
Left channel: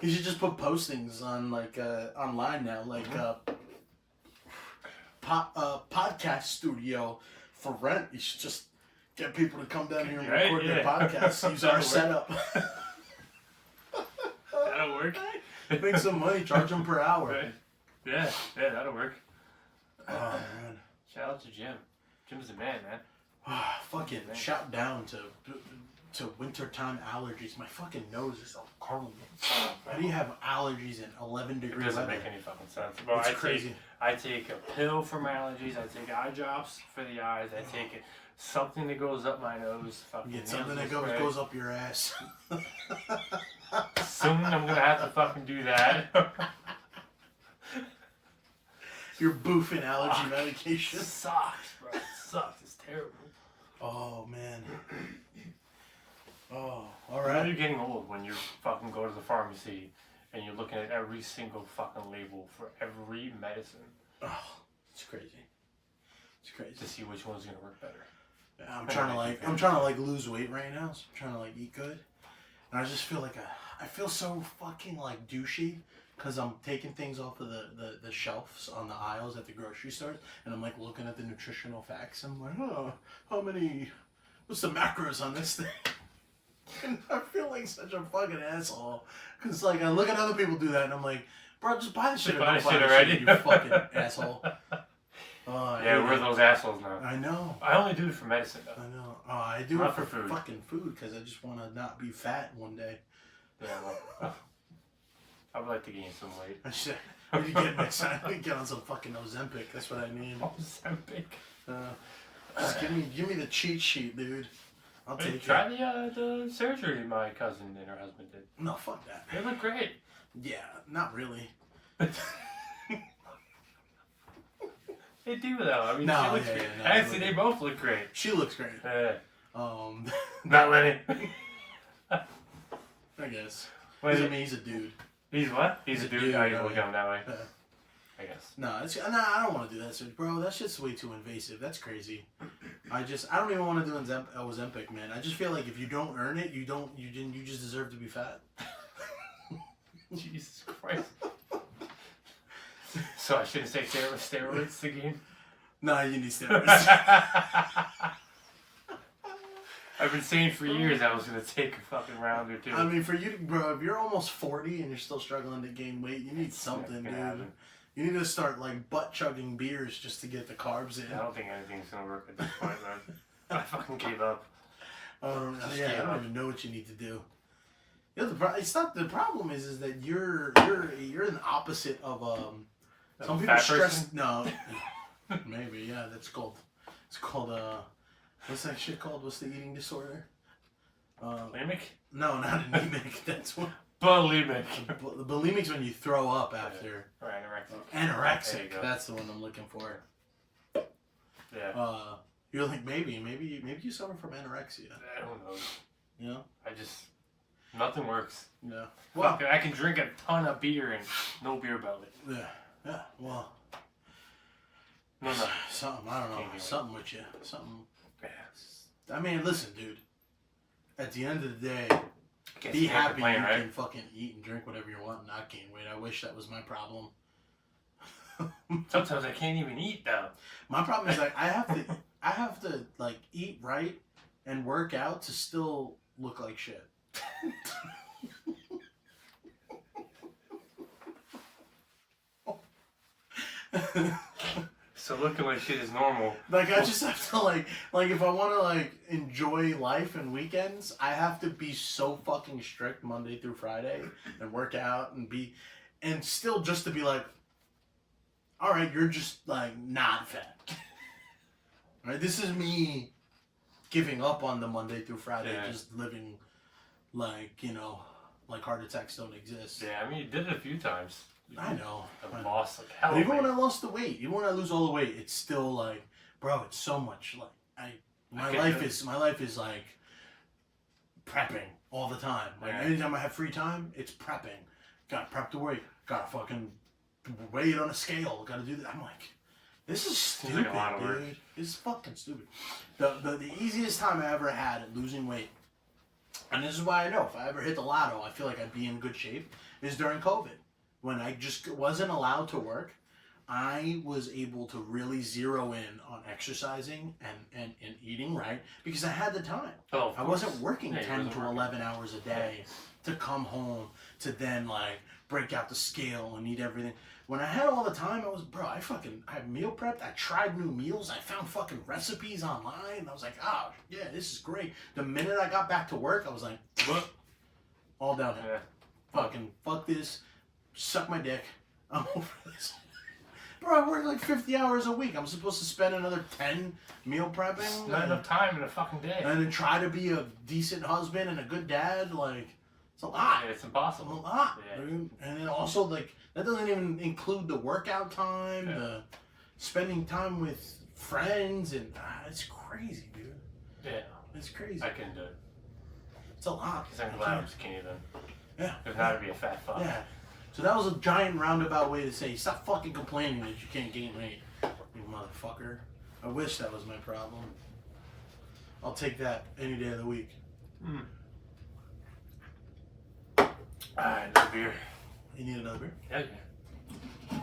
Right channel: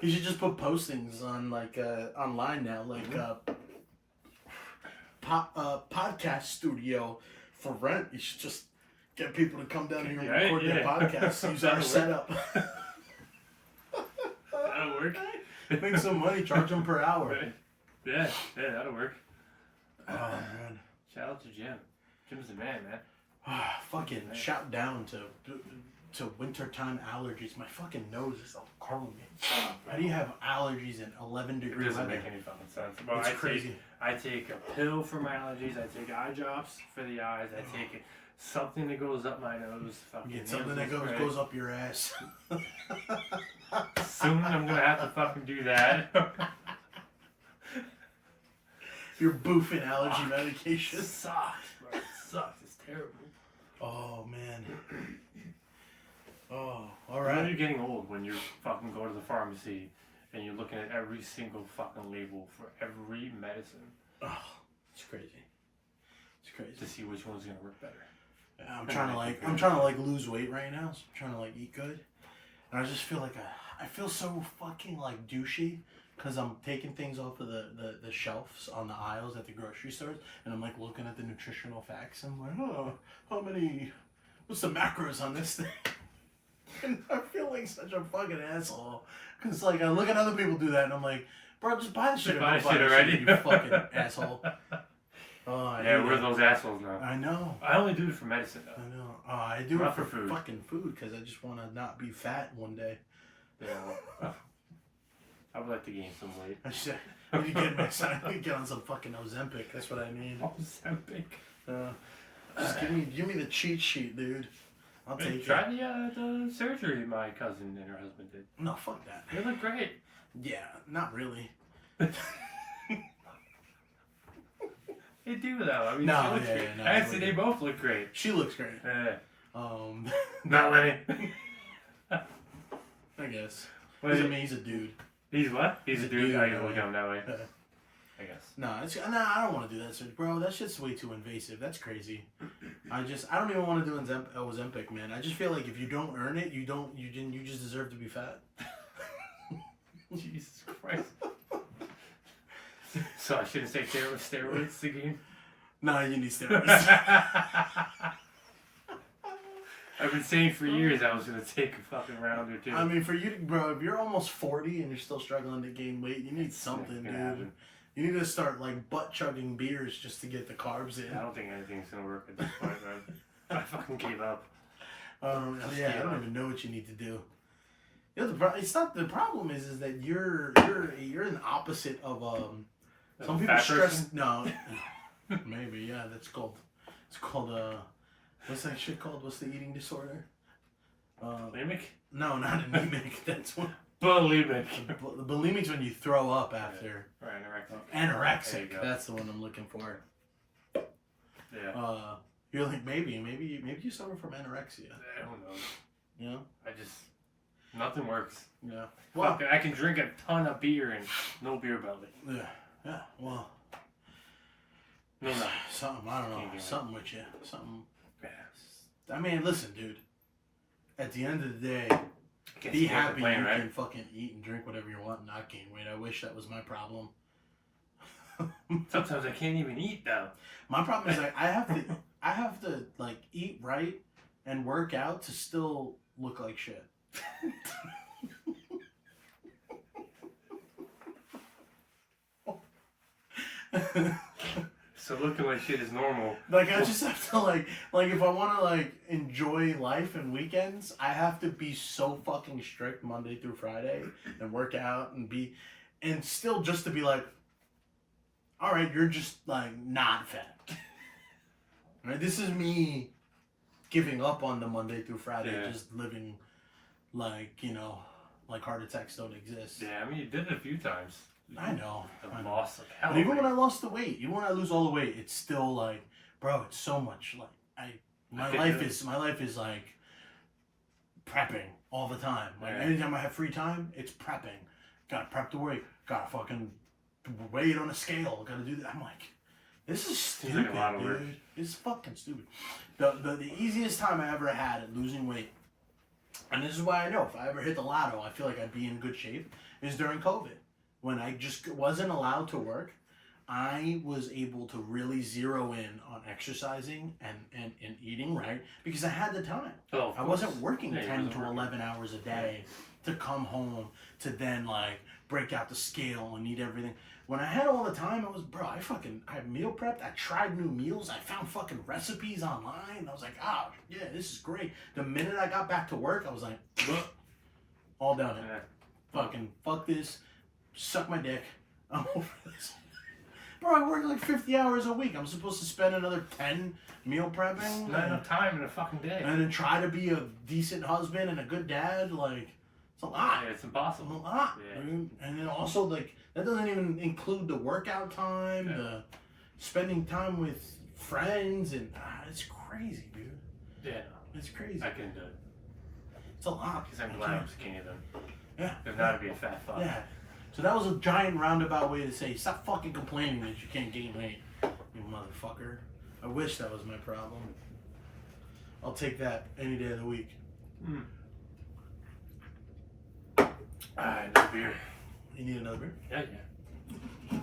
He should just put postings on like online now, like podcast studio for rent. You should just get people to come down here and record their podcasts. Use our setup. That'll work. Make some money. Charge them per hour. Right. Yeah, that'll work. Oh man. Shout out to Jim. Jim's the man, man. Fucking shout down to wintertime allergies. My fucking nose is all calling me. How do you have allergies in 11 degree It doesn't weather? make any fucking sense. Well, It's crazy. I take a pill for my allergies. I take eye drops for the eyes. I take something that goes up my nose. You get something that goes up your ass. Soon I'm gonna have to fucking do that. You're boofing allergy medication. It sucks, bro. It sucks. It's terrible. Oh man. Oh, all When right. you're getting old, when you fucking go to the pharmacy and you're looking at every single fucking label for every medicine. Oh, it's crazy. It's crazy. To see which one's gonna work better. I'm trying to like lose weight right now. So I'm trying to like eat good, and I just feel like I feel so fucking like douchey because I'm taking things off of the shelves on the aisles at the grocery stores, and I'm like looking at the nutritional facts. I'm like, oh, what's the macros on this thing? And I feel like such a fucking asshole because like I look at other people do that, and I'm like, bro, just buy the shit or don't buy the shit, you fucking asshole. Yeah, we're those assholes now. I know. I only do it for medicine though. I know. I do Not it for for food. fucking food because I just want to not be fat one day. Yeah. I would like to gain some weight. I should need to get on some fucking Ozempic. That's what I need. Ozempic. Just give me the cheat sheet, dude. I'll take it. Try the surgery my cousin and her husband did. No, fuck that. They look great. Yeah, not really. They do though. I mean, No, she looks yeah, great. yeah, no, Actually, they they both look great. She looks great. Not Lenny. I guess. What is it? He's a dude. He's what? He's a dude. dude, How you yeah. look at him that way? I guess. No, I don't want to do that, so, bro. That shit's way too invasive. That's crazy. I don't even want to do Ozempic, man. I just feel like if you don't earn it, you just deserve to be fat. Jesus Christ. So I shouldn't take steroids again? Nah, you need steroids. I've been saying for years I was going to take a fucking round or two. I mean, for you, bro, if you're almost 40 and you're still struggling to gain weight, you need something, dude. Happen. You need to start, like, butt-chugging beers just to get the carbs in. I don't think anything's going to work at this point, man. I fucking gave up. I don't even know what you need to do. You know, the problem is that you're an opposite of some people stress. No, maybe it's called what's that shit called? What's the eating disorder? Bulimic? No, not anemic. That's what. Bulimic. The bulimic's when you throw up after. Or anorexic. Anorexic. That's the one I'm looking for. Yeah. You're like maybe you suffer from anorexia. I don't know. You know? Nothing works. Yeah. Well, I can drink a ton of beer and no beer belly. Yeah. Yeah. Well. No. Something, I don't know. Something with you. Something. Yeah. I mean, listen, dude. At the end of the day, be happy you can fucking eat and drink whatever you want and not gain weight. I wish that was my problem. Sometimes I can't even eat though. My problem is like I have to like eat right and work out to still look like shit. So looking like shit is normal. Like I just have to like if I want to like enjoy life and weekends, I have to be so fucking strict Monday through Friday and work out and still just to be like, all right, you're just like not fat. Right? This is me giving up on the Monday through Friday, just living like, like heart attacks don't exist. Yeah, I mean, you did it a few times. I know. I lost like hell. But even when I lost the weight, even when I lose all the weight, it's still like, bro, it's so much like my life is like prepping all the time. Like anytime I have free time, it's prepping. Gotta prep the weight. Gotta fucking weigh it on a scale. Gotta do that. I'm like, this is stupid, dude. It's fucking stupid. The easiest time I ever had at losing weight, and this is why I know if I ever hit the lotto, I feel like I'd be in good shape, is during COVID. When I just wasn't allowed to work, I was able to really zero in on exercising and eating right because I had the time. Oh, I wasn't working 10 to 11 hours a day to come home to then like break out the scale and eat everything. When I had all the time, I meal prepped. I tried new meals. I found fucking recipes online. I was like, oh, yeah, this is great. The minute I got back to work, I was like, all downhill. Yeah. Fucking fuck this. Suck my dick. I'm over this. Bro, I work like 50 hours a week. I'm supposed to spend another 10 meal prepping. Not enough time in a fucking day. And then try to be a decent husband and a good dad. Like, it's a lot. Yeah, it's impossible. It's a lot. Yeah. And then also, like, that doesn't even include the workout time, the spending time with friends. And it's crazy, dude. Yeah. It's crazy. I can do it. It's a lot. Because I'm glad I can't even. Yeah. If not, to be a fat fuck. Yeah. So that was a giant roundabout way to say, stop fucking complaining that you can't gain weight, you motherfucker. I wish that was my problem. I'll take that any day of the week. Alright, another beer. You need another beer? Yeah.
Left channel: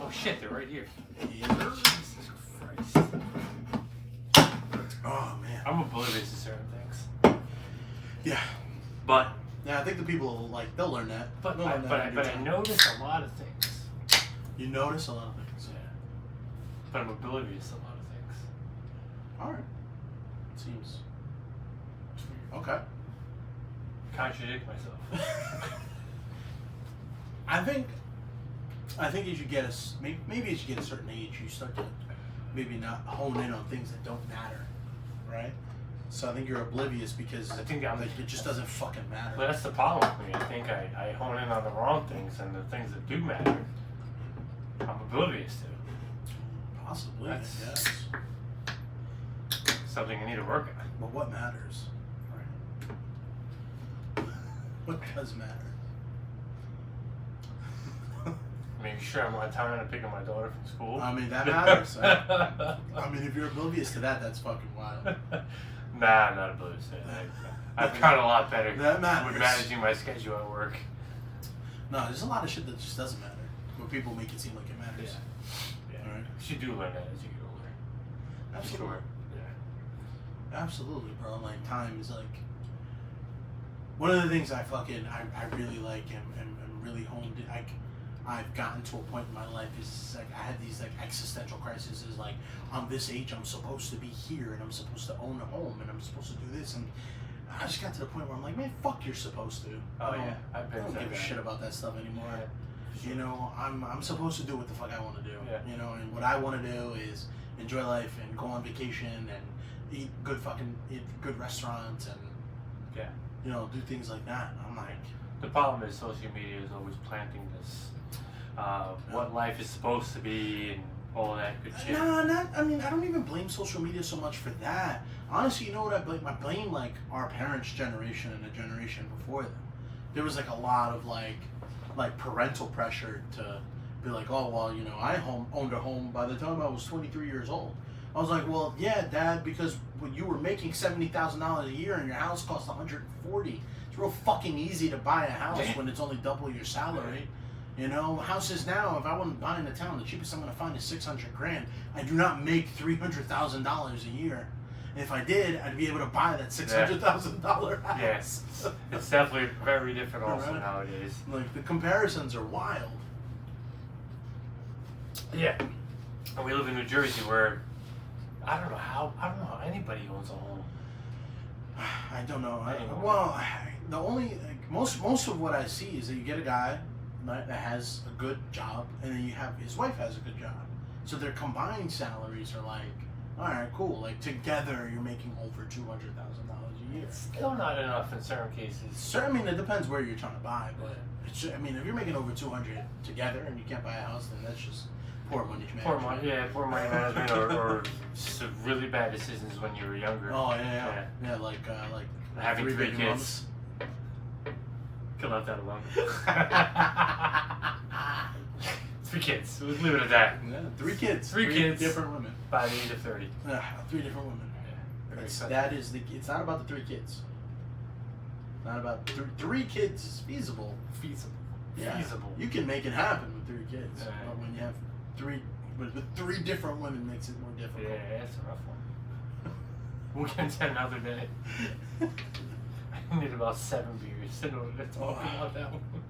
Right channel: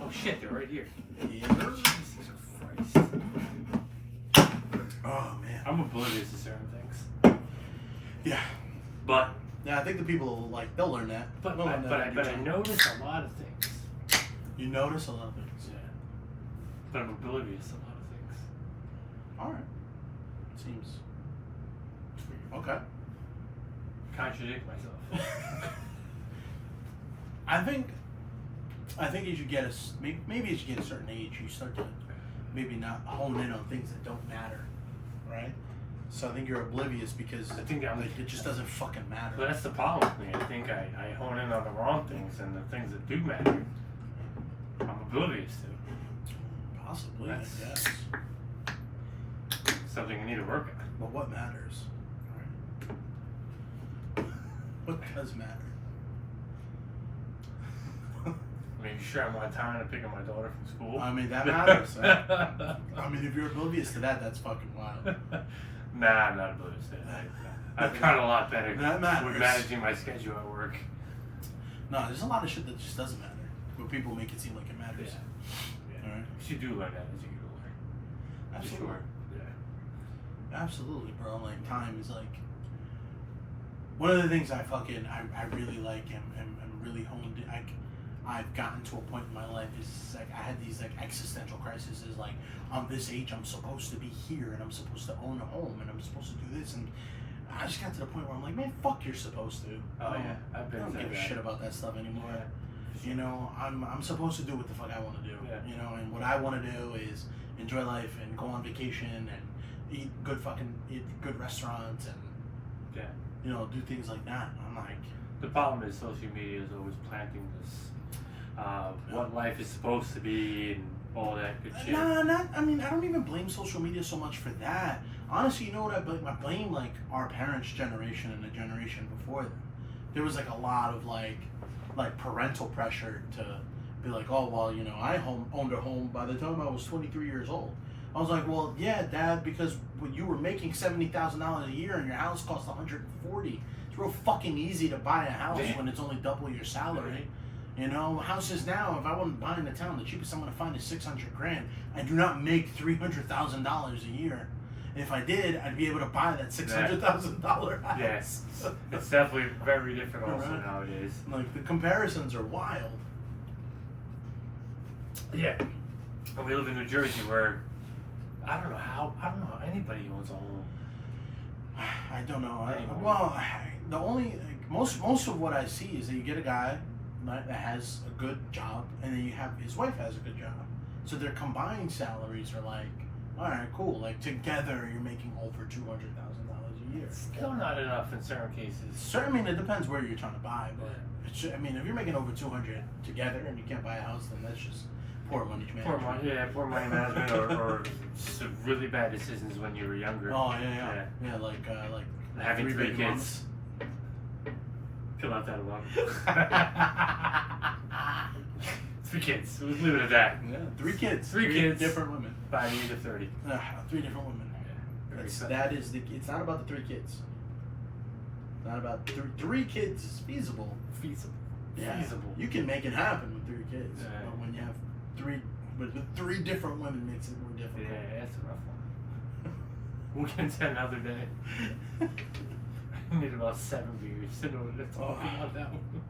Oh shit, they're right here. Yeah. Jesus Christ. Oh man. I'm oblivious to certain things. Yeah. But yeah, I think the people will they'll learn that. But I notice a lot of things. You notice a lot of things. Yeah. But I'm oblivious to a lot of things. Alright. Seems okay. Contradict myself. I think as you get maybe as you get a certain age, you start to maybe not hone in on things that don't matter, right? So I think you're oblivious because I think it just doesn't fucking matter. But that's the problem with me. I think I hone in on the wrong things, and the things that do matter, I'm oblivious to. Possibly, That's yes. Something I need to work on. But what matters, right? What does matter? Maybe making sure I'm on time and picking up my daughter from school. I mean, that matters. I mean, if you're oblivious to that, that's fucking wild. Nah, I'm not oblivious to that. I've gotten a lot better That matters. with managing my schedule at work. No, there's a lot of shit that just doesn't matter, but people make it seem like it matters. Yeah. All right. You do learn that as you get older. Absolutely. For sure. Yeah. Absolutely, bro. Like, time is like one of the things I really like and really honed. I've gotten to a point in my life is like I had these like existential crises. Like, I'm this age, I'm supposed to be here, and I'm supposed to own a home, and I'm supposed to do this, and I just got to the point where I'm like, man, fuck, you're supposed to. Oh yeah, I don't give a shit about that stuff anymore. Yeah. You know, I'm supposed to do what the fuck I want to do. Yeah. You know, and what I want to do is enjoy life and go on vacation and eat good restaurants and you know, do things like that. I'm like, the problem is social media is always planting this what life is supposed to be and all that good shit. Nah, I mean, I don't even blame social media so much for that. Honestly, you know what I blame? I blame like our parents' generation and the generation before them. There was like a lot of like parental pressure to be like, oh well, you know, I owned a home by the time I was 23 years old. I was like, well, yeah, Dad, because when you were making $70,000 a year and your house cost $140, it's real fucking easy to buy a house when it's only double your salary. You know, houses now, if I want to buy in a town, the cheapest I'm going to find is $600,000. I do not make $300,000 a year. And if I did, I'd be able to buy that $600,000 house. Yes, it's definitely very different also nowadays. Like, the comparisons are wild. Yeah, and we live in New Jersey where I don't know how anybody owns a home. I don't know. The only most of what I see is that you get a guy that has a good job, and then you have his wife has a good job. So their combined salaries are like, all right, cool. Like together, you're making over $200,000 a year. Still not enough in certain cases. I mean, it depends where you're trying to buy, but I mean, if you're making over 200 together and you can't buy a house, then that's just poor money management. Poor money management, or just really bad decisions when you were younger. Oh yeah, like having three baby kids. mamas. Could left that alone. 3 kids. We'll leave it at that. Yeah, 3 kids. Three kids. Different women. By the age of 30. 3 different women. It's not about the 3 kids. It's not about 3 kids is feasible. Yeah. Feasible. You can make it happen with 3 kids. Right. But when you have 3 different women makes it more difficult. Yeah, it's a rough one. We'll get into another day. I need about 7 beers in order to talk about that one.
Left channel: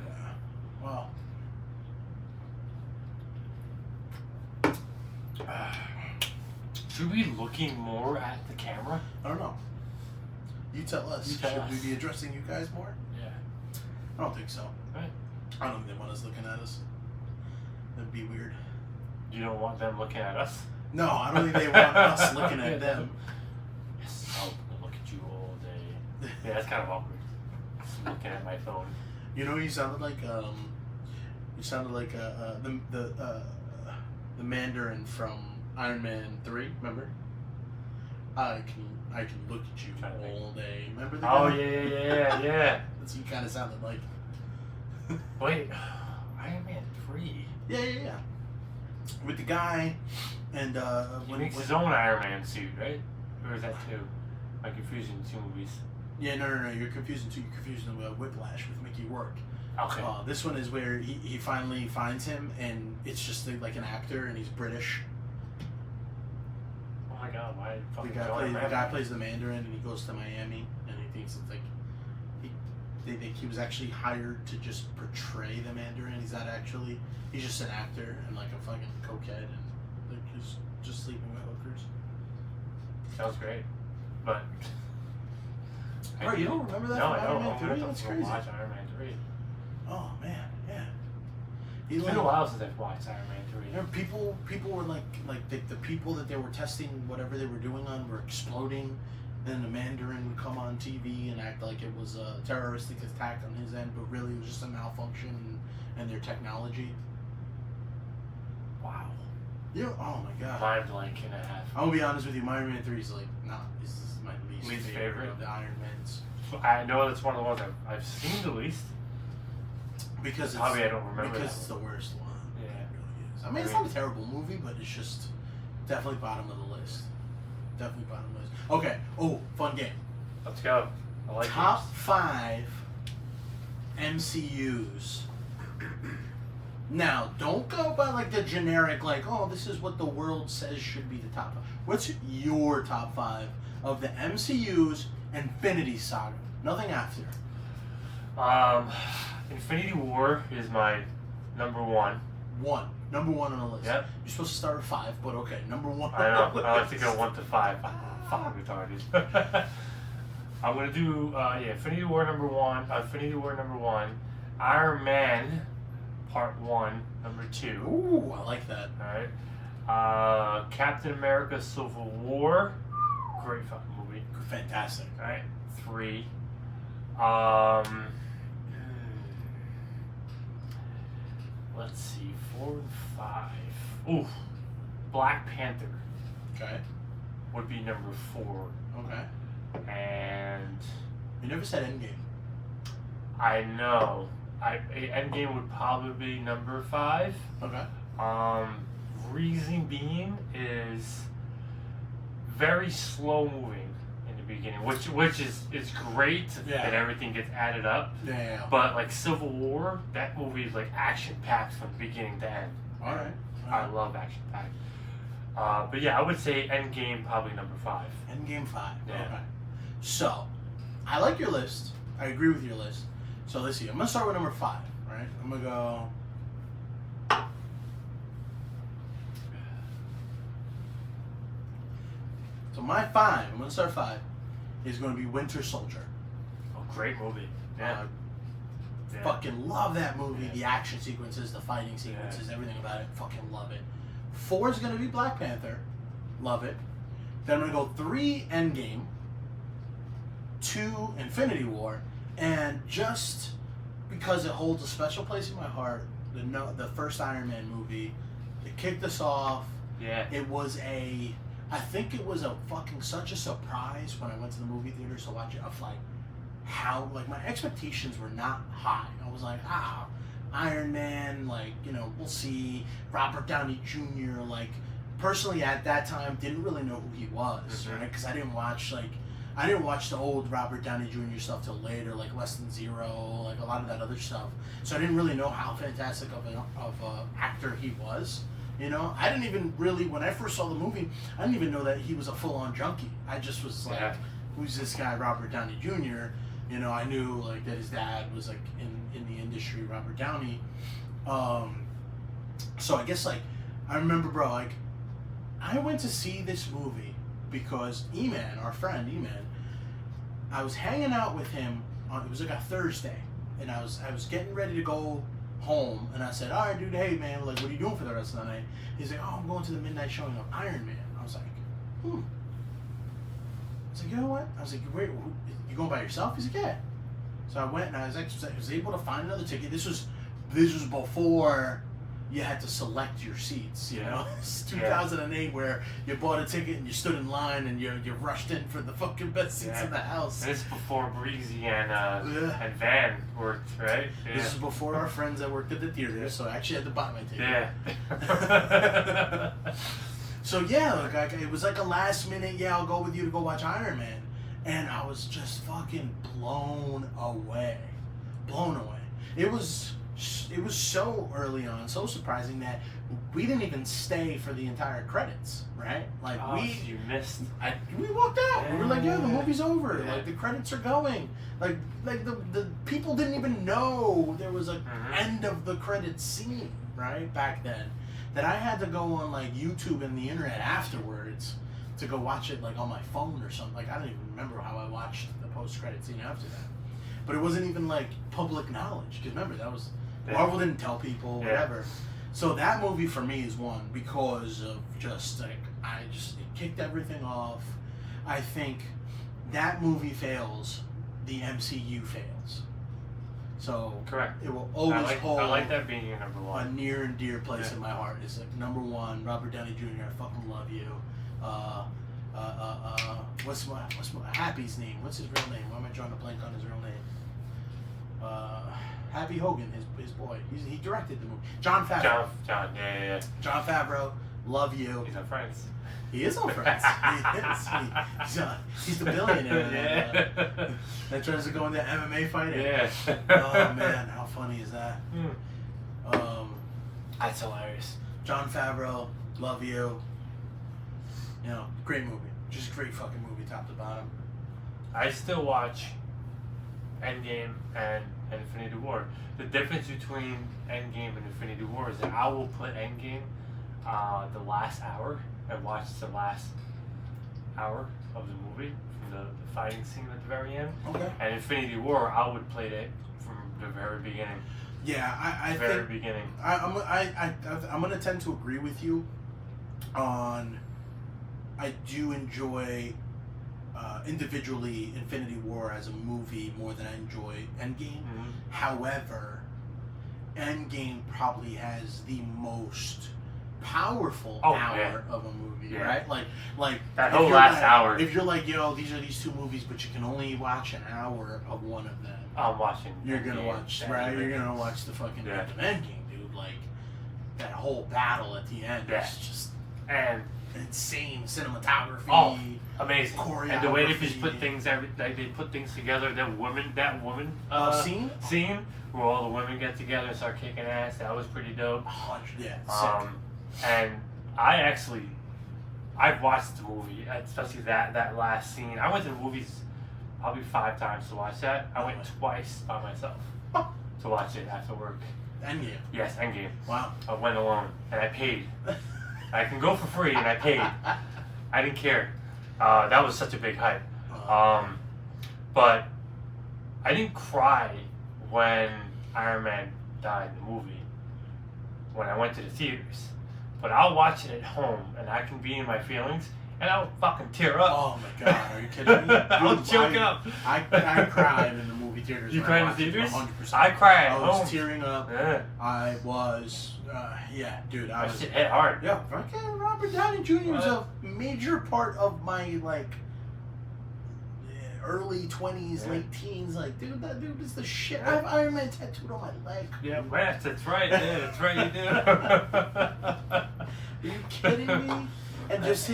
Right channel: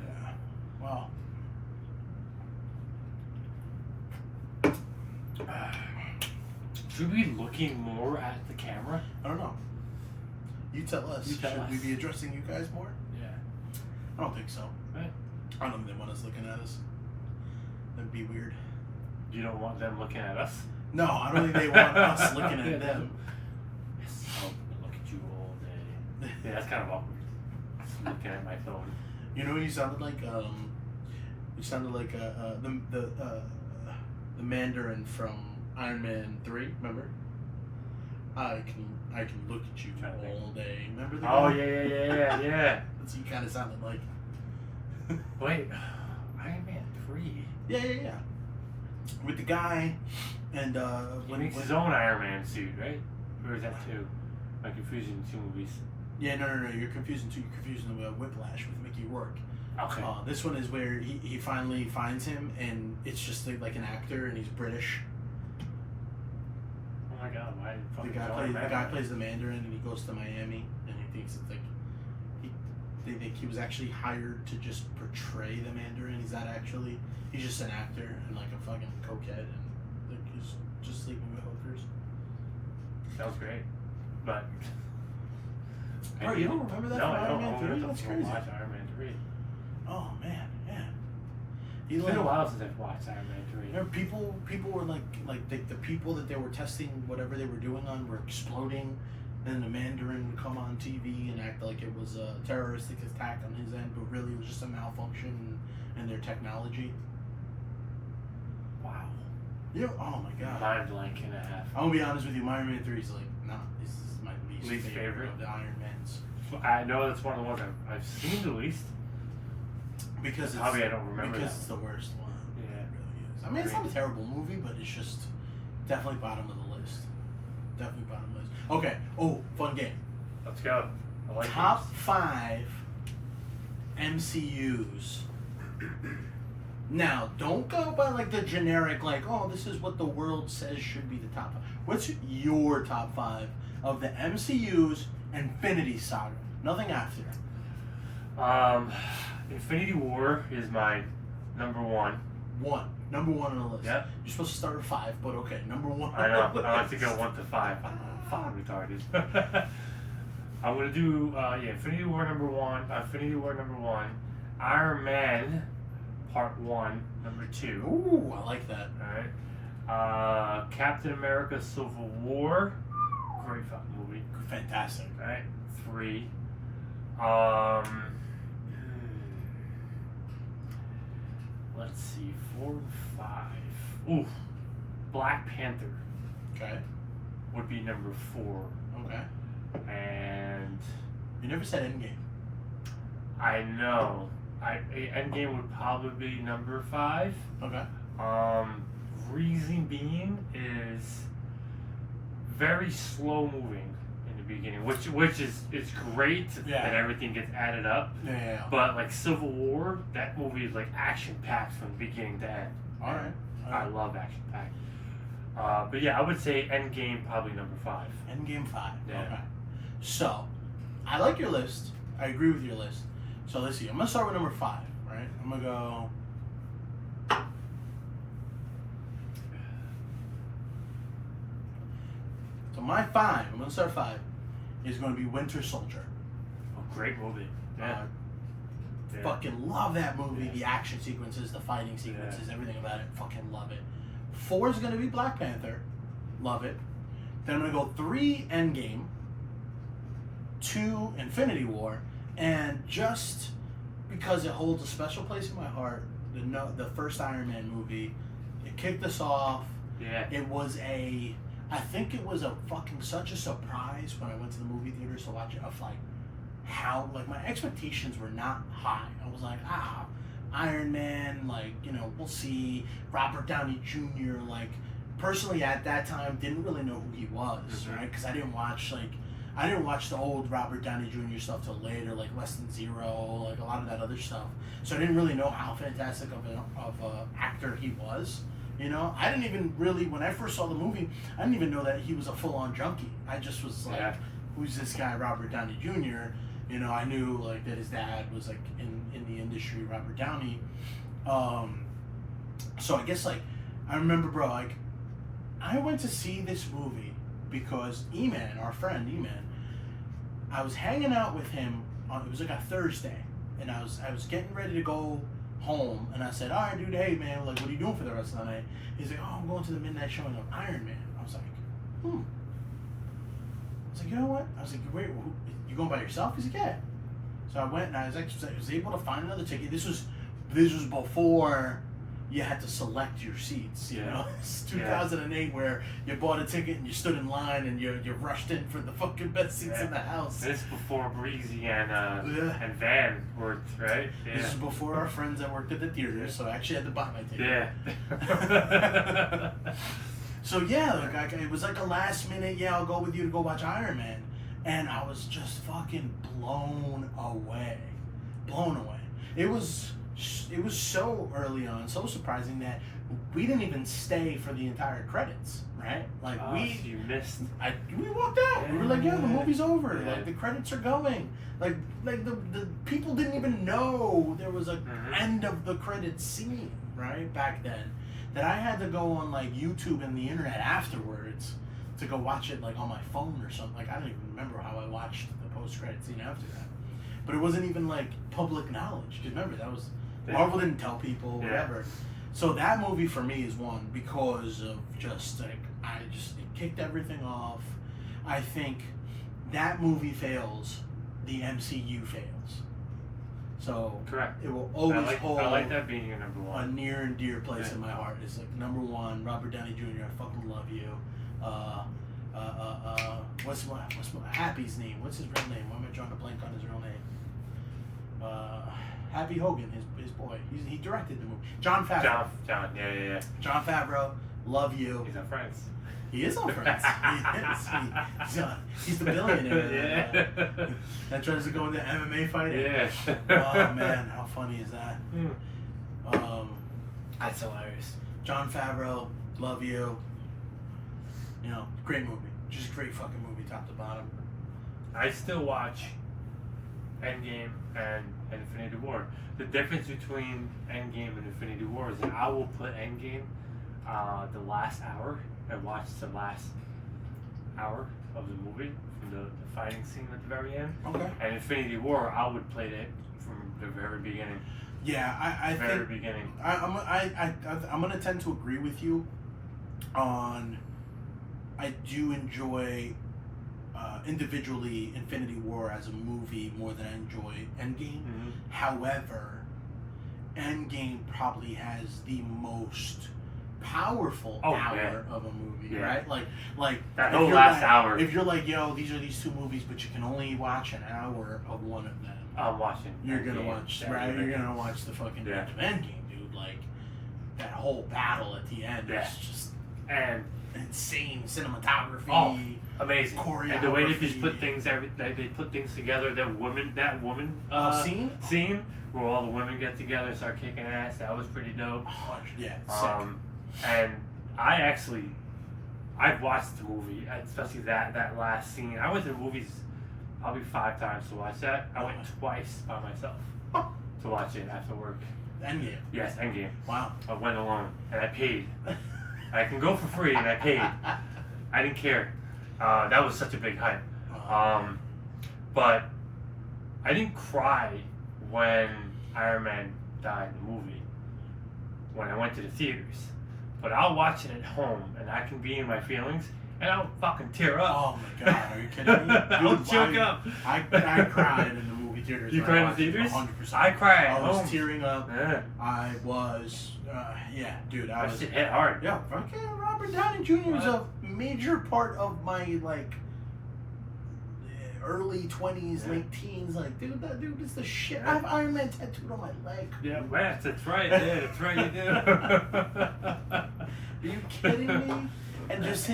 Yeah. Well. Should we be looking more at the camera? I don't know. You tell us. Should we be addressing you guys more? Yeah. I don't think so. Right. I don't think they want us looking at us. That'd be weird. You don't want them looking at us? No, I don't think they want us looking at them. Yes, I'll look at you all day. Yeah, that's kind of awkward. Just looking at my phone. You know, you sounded like the Mandarin from Iron Man 3. Remember? I can look at you all day. Remember the guy? Oh yeah. That's what you kind of sounded like. Wait, Iron Man 3. Yeah. With the guy, and he makes his own Iron Man suit, right? Or is that 2? I'm confusing 2 movies. Yeah, no. You're confusing Whiplash with Mickey Rourke. Okay. This one is where he finally finds him, and it's just like an actor, and he's British. Oh my god, why fucking the guy plays the Mandarin, and he goes to Miami, and he thinks it's like they think he was actually hired to just portray the Mandarin. He's just an actor and like a fucking cokehead, and like he's just sleeping with hookers. Sounds great, but. Oh, you don't remember that from Iron Man 3? That's crazy. Watch Iron Man 3. Oh man, yeah. It's been a while since I've watched Iron Man 3. You know, people were like the people that they were testing whatever they were doing on were exploding. Then the Mandarin would come on TV and act like it was a terroristic attack on his end, but really it was just a malfunction in their technology. Wow. Yeah. Oh my god. Mind blank and a half. I'm gonna be honest with you. Iron Man 3 is like, this is my least favorite of the Iron Mans. I know it's one of the ones I've seen the least. Because Probably I don't remember because that it's the worst one. Yeah. It really is. I mean, it's not a terrible movie, but it's just definitely bottom of the list. Definitely bottom of the list. Okay. Oh, fun game. Let's go. I like Top games. 5 MCUs. Now, don't go by like the generic, like, oh, this is what the world says should be the top 5. What's your top 5 of the MCU's Infinity Saga? Nothing after. Infinity War is my number 1. Number 1 on the list. Yep. You're supposed to start with 5, but okay, number 1. I know. I have to go 1 to 5. I'm fucking retarded. I'm gonna do Infinity War number 1. Infinity War number 1. Iron Man Part 1 number 2. Ooh, I like that. All right. Captain America Civil War. Great fucking movie. Fantastic. All right. 3. Let's see. 4 and 5. Ooh. Black Panther Okay. would be number 4. Okay. And You never said Endgame. I know. Endgame would probably be number 5. Okay. Reason being is very slow moving in the beginning, which is it's great that everything gets added up. Yeah. But like Civil War, that movie is like action packed from beginning to end. All right. I love action packed. But yeah, I would say Endgame probably number 5. Endgame 5. Yeah. Okay. So, I like your list. I agree with your list. So let's see. I'm gonna start with number 5. Right. I'm gonna go. So my 5. I'm gonna start 5. Is going to be Winter Soldier. Oh, great movie. Yeah. Fucking love that movie. Yeah. The action sequences, the fighting sequences, everything about it. Fucking love it. 4 is going to be Black Panther. Love it. Then I'm going to go 3, Endgame. 2, Infinity War. And just because it holds a special place in my heart, the first Iron Man movie, it kicked us off. Yeah. It was I think it was such a surprise when I went to the movie theaters to watch it, of like how, like, my expectations were not high. I was like, Iron Man, like, you know, we'll see. Robert Downey Jr., like, personally at that time didn't really know who he was, right? Because I didn't watch the old Robert Downey Jr. stuff till later, like Less Than Zero, like a lot of that other stuff. So I didn't really know how fantastic of an actor he was. You know, I didn't even really, when I first saw the movie, I didn't even know that he was a full-on junkie. I just was like, who's this guy, Robert Downey Jr.? You know, I knew like that his dad was like in the industry, Robert Downey. So I guess like, I remember, bro, like, I went to see this movie because E-Man, our friend E-Man, I was hanging out with him on, it was like a Thursday, and I was getting ready to go home, and I said, all right, dude, hey, man, like, what are you doing for the rest of the night? He's like, oh, I'm going to the midnight showing of Iron Man. I was like, I was like, you know what? I was like, wait, you going by yourself? He's like, yeah. So I went, and I was able to find another ticket. This was before you had to select your seats, you know? It's 2008 where you bought a ticket and you stood in line and you rushed in for the fucking best seats in the house. This is before Breezy and Van worked, right? Yeah. This is before our friends that worked at the theater, so I actually had to buy my ticket. Yeah. So yeah, like, it was like a last minute, I'll go with you to go watch Iron Man. And I was just fucking blown away. It was so early on, so surprising that we didn't even stay for the entire credits, right? Like you missed. We walked out. We were like, the movie's over. Like the credits are going. Like the people didn't even know there was a end of the credits scene, right? Back then, that I had to go on like YouTube and the internet afterwards to go watch it like on my phone or something. Like I don't even remember how I watched the post-credit scene after that. But it wasn't even like public knowledge. Because remember, that was Marvel didn't tell people, whatever. So that movie for me is one because of just like it kicked everything off. I think that movie fails, the MCU fails. So correct. It will always hold. I like that being your number 1. A near and dear place in my heart. It's like number 1, Robert Downey Jr. I fucking love you. What's my Happy's name? What's his real name? Why am I drawing a blank on his real name? Happy Hogan, his boy. He directed the movie. Jon Favreau. Yeah. Jon Favreau, love you. He's on Friends. He is on Friends. He's the billionaire that tries to go into MMA fighting. Yeah. Oh man, how funny is that? That's hilarious. Jon Favreau, love you. You know, great movie. Just a great fucking movie, top to bottom. I still watch Endgame and Infinity War. The difference between Endgame and Infinity War is that I will put Endgame the last hour and watch the last hour of the movie from the fighting scene at the very end. Okay. And Infinity War, I would play it from the very beginning. Yeah, I very think beginning. I'm gonna tend to agree with you on. I do enjoy individually Infinity War as a movie more than I enjoy Endgame. Mm-hmm. However, Endgame probably has the most powerful hour of a movie, right? Like that whole last like, hour. If you're like, yo, these are these two movies, but you can only watch an hour of one of them. I'm watching. You're gonna watch, right? You're gonna watch the fucking Endgame, dude. Like that whole battle at the end is just and insane cinematography. Oh, amazing! Choreography. And the way they just put things, like they put things together. That woman scene where all the women get together and start kicking ass. That was pretty dope. 100, yeah, sick. And I've watched the movie, especially that last scene. I went to the movies probably 5 times to watch that. I went twice by myself to watch it after work. Endgame. Yes, Endgame. Wow. I went alone and I paid. I can go for free and I paid. I didn't care. That was such a big hype. But I didn't cry when Iron Man died in the movie when I went to the theaters. But I'll watch it at home and I can be in my feelings and I'll fucking tear up. Oh my god, are you kidding me? I'll choke up. I cried in the movie theaters. You cried in the theaters? 100%. I cried at I was home. tearing up. Yeah. I was, dude. I was. It hit hard. Yeah, fucking Robert Downey Jr. is a major part of my early 20s, late teens. Like, dude, that dude is the shit. I have Iron Man tattooed on my leg. Yeah, that's right. Yeah, that's right. You do. Are you kidding me? And just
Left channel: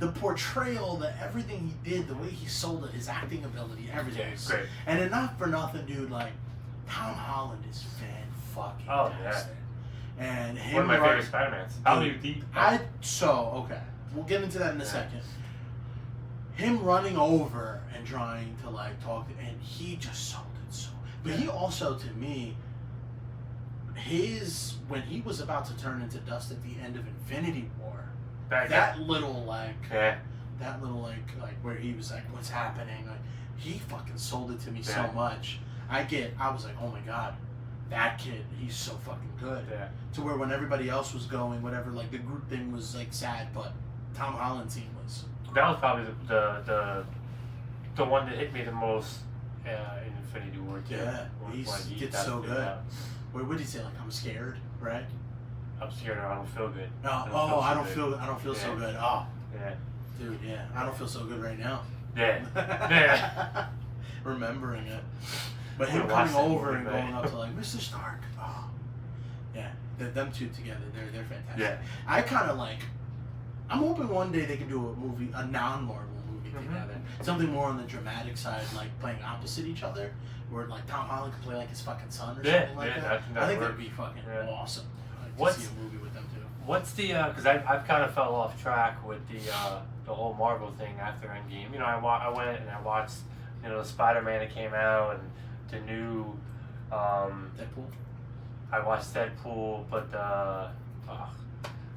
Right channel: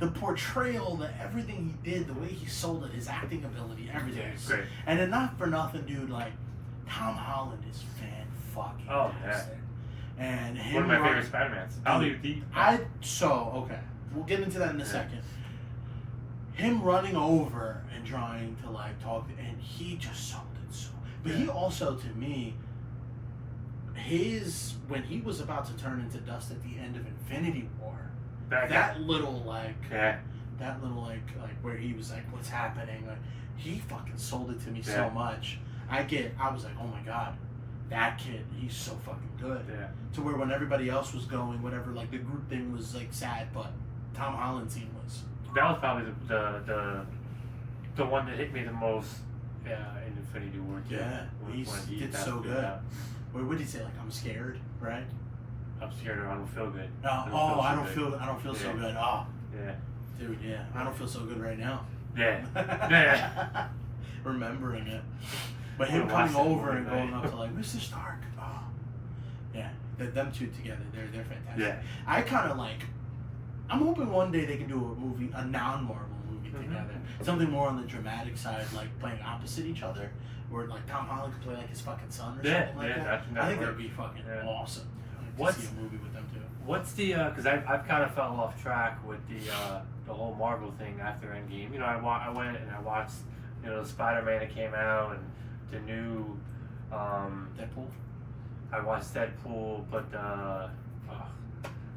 the portrayal, everything he did, the way he sold it, his acting ability, everything. Yeah, great. And then not for nothing, dude. Like Tom Holland is fan-fucking fantastic. And him, one of my favorite Spider-Mans. Okay, we'll get into that in a second. Him running over and trying to talk, and he just sold it so. But he also, to me, when he was about to turn into dust at the end of Infinity War, that little where he was like, what's happening? He fucking sold it to me so much. I was like, oh my god, that kid, he's so fucking good. Yeah. To where when everybody else was going, whatever, the group thing was sad, but Tom Holland's team was. That was probably the one that hit me the most in Infinity War 2. Yeah, he did so good. What did he say? I'm scared, right? I'm scared or I don't feel good. I don't feel so good. Oh, yeah, dude, yeah, I don't feel so good right now. Yeah. Remembering it, but him coming over and going up to Mr. Stark. Oh, yeah, them two together, they're fantastic. Yeah. I kind of I'm hoping one day they can do a non-Marvel movie together. Something more on the dramatic side, playing opposite each other, where Tom Holland could play his fucking son or something like that. I think that'd be fucking awesome. To see a movie with them too. What's the because I've kind of fell off track with the whole Marvel thing after Endgame. You know, I went and I watched the Spider-Man that came out and the new Deadpool. I watched Deadpool, but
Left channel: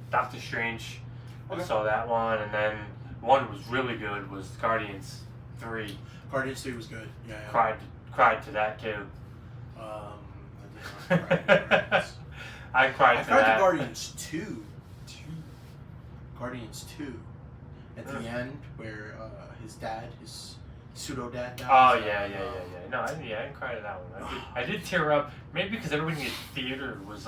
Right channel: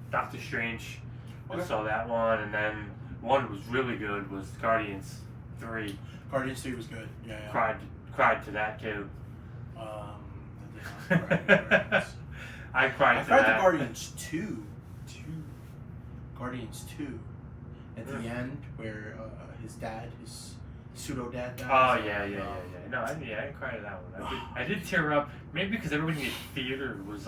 Doctor Strange. Okay. I saw that one, and then one that was really good was Guardians 3. Guardians 3 was good. Yeah. Cried to that too. I did not cry to Guardians. I cried to Guardians 2. Guardians 2. At the end, where his dad, his pseudo dad dies. Oh yeah. No, I didn't cry to that one. I did tear up. Maybe because everybody in the theater was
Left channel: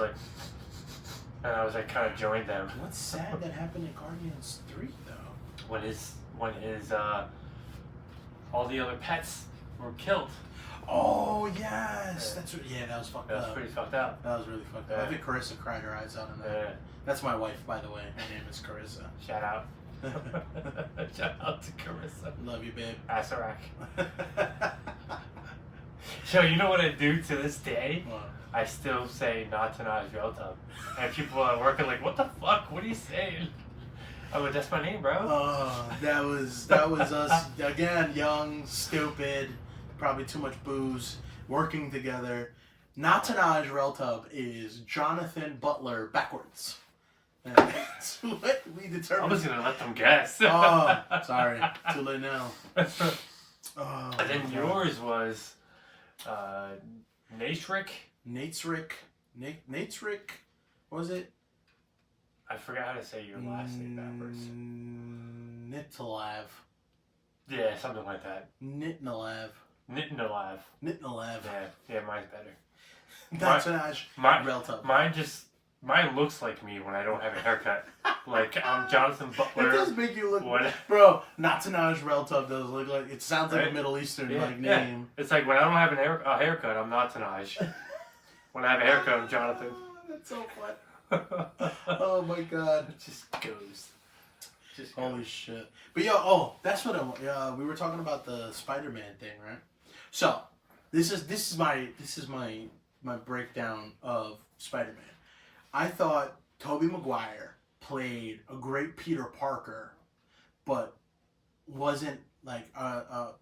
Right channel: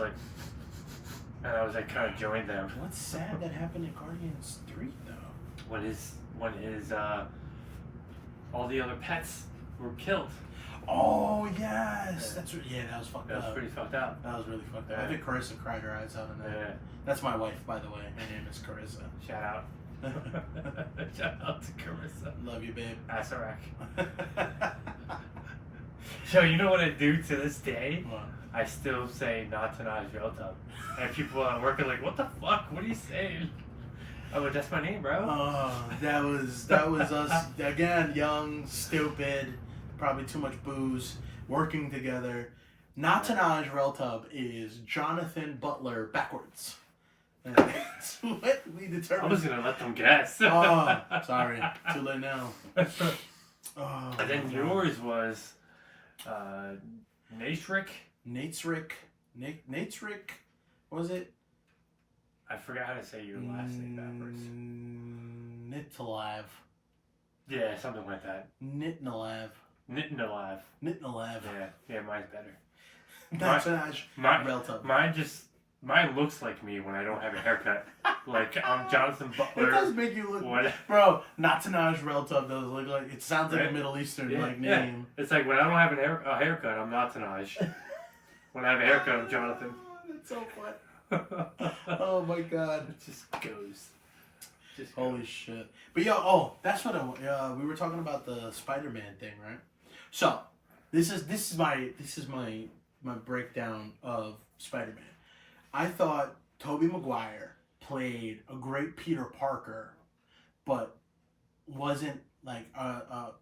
and I was kind of joined them. What's sad that happened in Guardians 3 though? When his all the other pets were killed. Oh yes, that's what, yeah. That was fucked That was up. pretty fucked up. That was really fucked up. Yeah. I think Carissa cried her eyes out on that. Yeah. That's my wife, by the way. Her name is Carissa. Shout out. Shout out to Carissa. Love you, babe. Asarak. Yo, you know what I do to this day? What? I still say not to Naj Reltub. And people at work are like, what the fuck? What are you saying? I'm like, that's my name, bro. Oh, that was us again, young, stupid, probably too much booze, working together. Natanaj Reltub is Jonathan Butler backwards. And that's what we determined. I was gonna let them guess. Oh, sorry. Too late now. Oh, and then yours was Natrick. Nate'srick. What was it? I forgot how to say your last name backwards. Nitalav. Yeah, something like that. Nitnalav. Nitnalav. Nitnalav. Yeah, mine's better. Natanaj Reltub. Mine looks like me when I don't have a haircut. Like, I'm Jonathan Butler. It does make you look... What? Bro, Natanaj Reltub does look like... It sounds like a Middle Eastern name. Yeah. It's like when I don't have a haircut, I'm Natanaj. When I have a haircut, I'm Jonathan. That's so fun. Oh my god. It just goes. Holy shit. But yo, that's what we were talking about the Spider-Man thing, right? So, this is my breakdown of Spider-Man. I thought Tobey Maguire played a great Peter Parker, but wasn't like a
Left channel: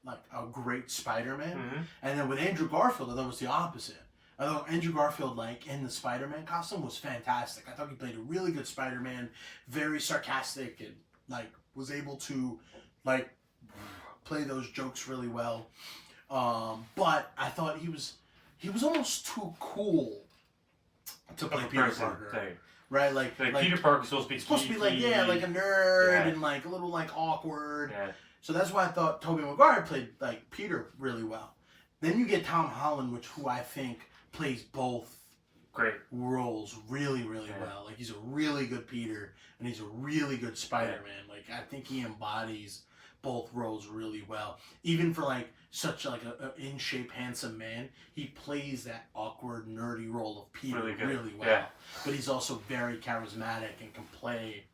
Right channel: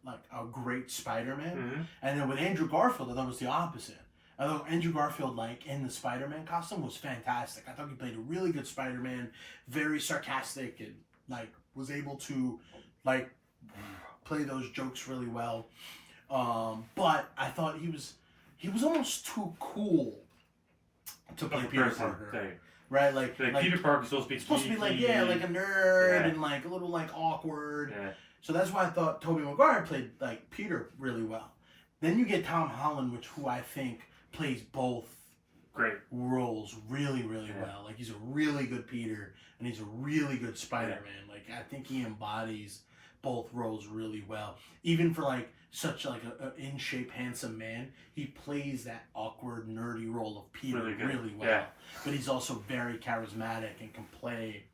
great Spider-Man. Mm-hmm. And then with Andrew Garfield, I thought it was the opposite. I thought Andrew Garfield, like, in the Spider-Man costume was fantastic. I thought he played a really good Spider-Man, very sarcastic, and, like, was able to, like, play those jokes really well. But I thought he was almost too cool to play Peter Parker. Day. Right? Like Peter Parker's supposed to be like, yeah, like a nerd and, like, a little, like, awkward. Yeah. So that's why I thought Tobey Maguire played, like, Peter really well. Then you get Tom Holland, who I think plays both great roles really, really well. Like, he's a really good Peter, and he's a really good Spider-Man. Like, I think he embodies both roles really well. Even for, like, such, like, a in-shape, handsome man, he plays that awkward, nerdy role of Peter really well. Yeah. But he's also very charismatic and can play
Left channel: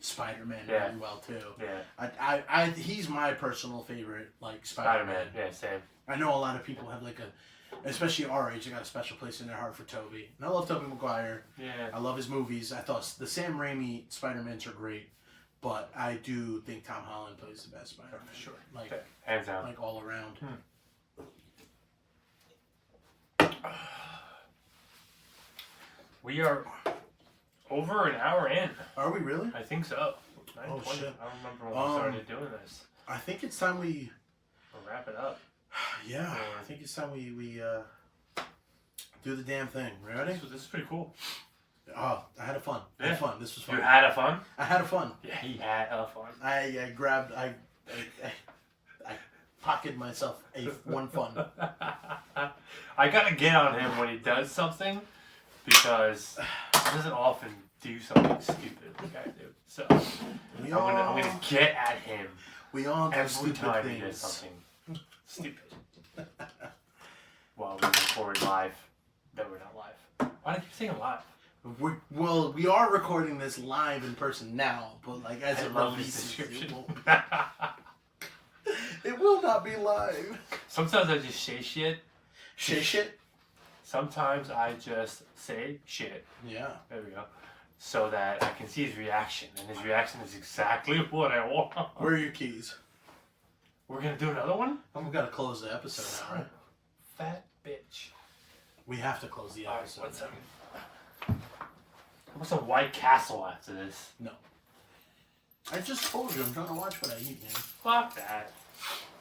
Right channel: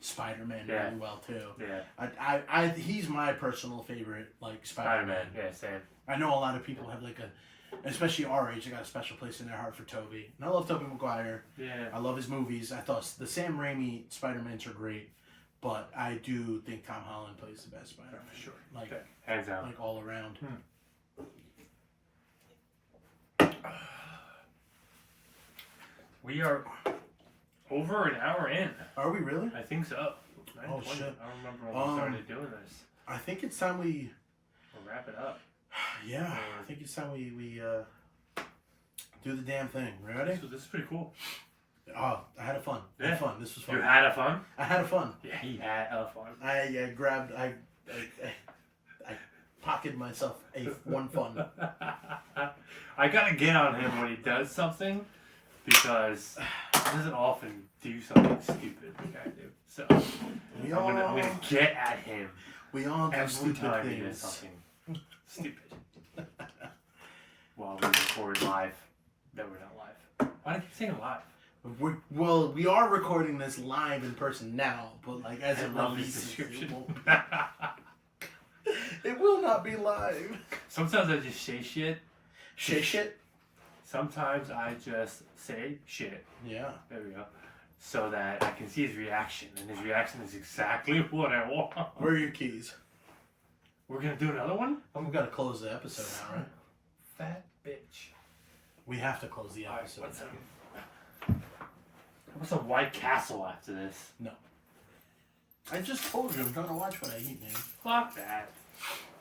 Spider-Man really well, too. Yeah. He's my personal favorite, like, Spider-Man. Yeah, same. I know a lot of people have, like, especially our age, they got a special place in their heart for Tobey. And I love Tobey Maguire. Yeah. I love his movies. I thought the Sam Raimi Spider-Mans are great, but I do think Tom Holland plays the best Spider-Man. For sure. Like, hands down. Like, all around. We are over an hour in. Are we really? I think so. 9:20. Oh, shit. I don't remember when we started doing this. I think it's time we'll wrap it up. Yeah, I think it's time we do the damn thing. Ready? This is pretty cool. Oh, I had fun. I had fun. This was fun. You had a fun? I had a fun. Yeah, he had a fun. I grabbed. I pocketed myself one fun. I gotta get on him when he does something because he doesn't often do something stupid like I do. So I'm gonna get at him. We all do every stupid time things. He does something stupid. While we record live, that we're not live. Why do you keep saying live? We are recording this live in person now, but like as it releases, it will not be live. Sometimes I just say shit. Say shit? Sometimes I just say shit. Yeah. There we go. So that I can see his reaction, and his reaction is exactly what I want. Where are your keys? We're gonna do another one? We gotta close the episode now, right? Fat bitch. We have to close the episode. Right, what's a White Castle after this? No. I just told you I'm trying to watch what I eat, man. Fuck that.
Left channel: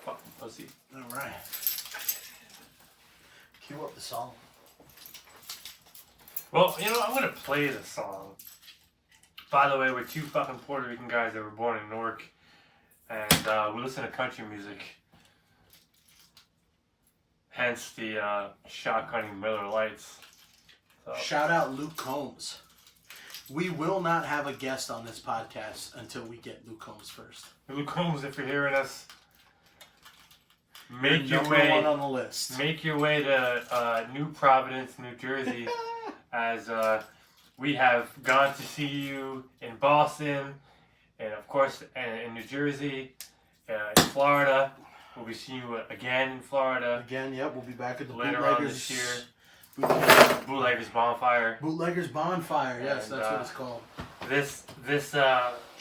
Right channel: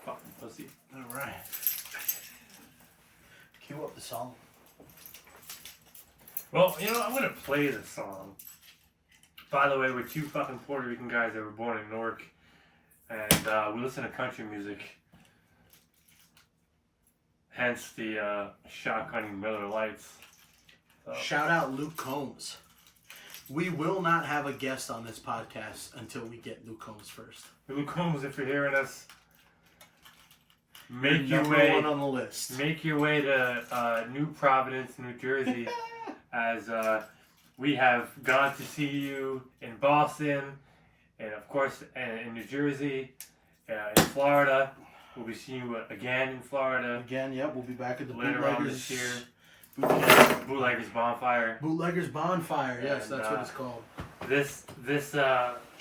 Fucking pussy. Alright. Cue up the song. Well, you know, I'm gonna play the song. By the way, we're two fucking Puerto Rican guys that were born in Newark. And we listen to country music. Hence the shotgunning Miller Lights. So. Shout out Luke Combs. We will not have a guest on this podcast until we get Luke Combs first. Luke Combs, if you're hearing us, make your number way one on the list. Make your way to New Providence, New Jersey, as we have gone to see you in Boston, and of course in New Jersey, in Florida. We'll be seeing you again in Florida. Again, yep. We'll be back at the later on Bootleggers this year. Bootleggers. Bootleggers Bonfire. Bootleggers Bonfire. Yes, And, that's what it's called. This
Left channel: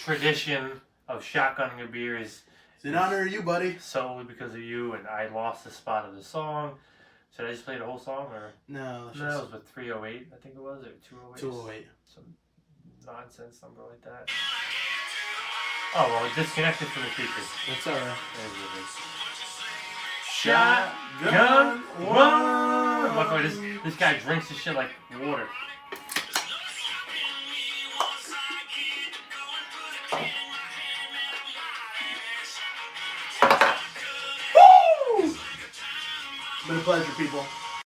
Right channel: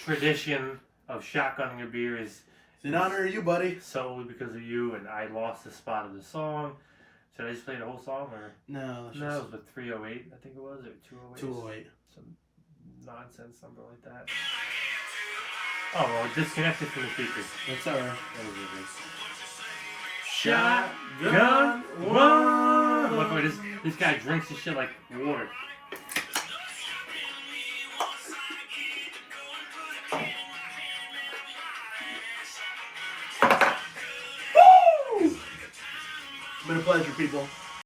tradition of shotgunning a beer is It's in honor of you, buddy. solely because of you, and I lost the spot of the song. Should I just play the whole song, or No, that's no? It just was with 308, I think it was, or 208. 208. Some nonsense number like that. Oh well, it disconnected from the speakers. That's alright. That is what it is. Shotgun one. Look, wait, this guy drinks this shit like water. Been a pleasure, people.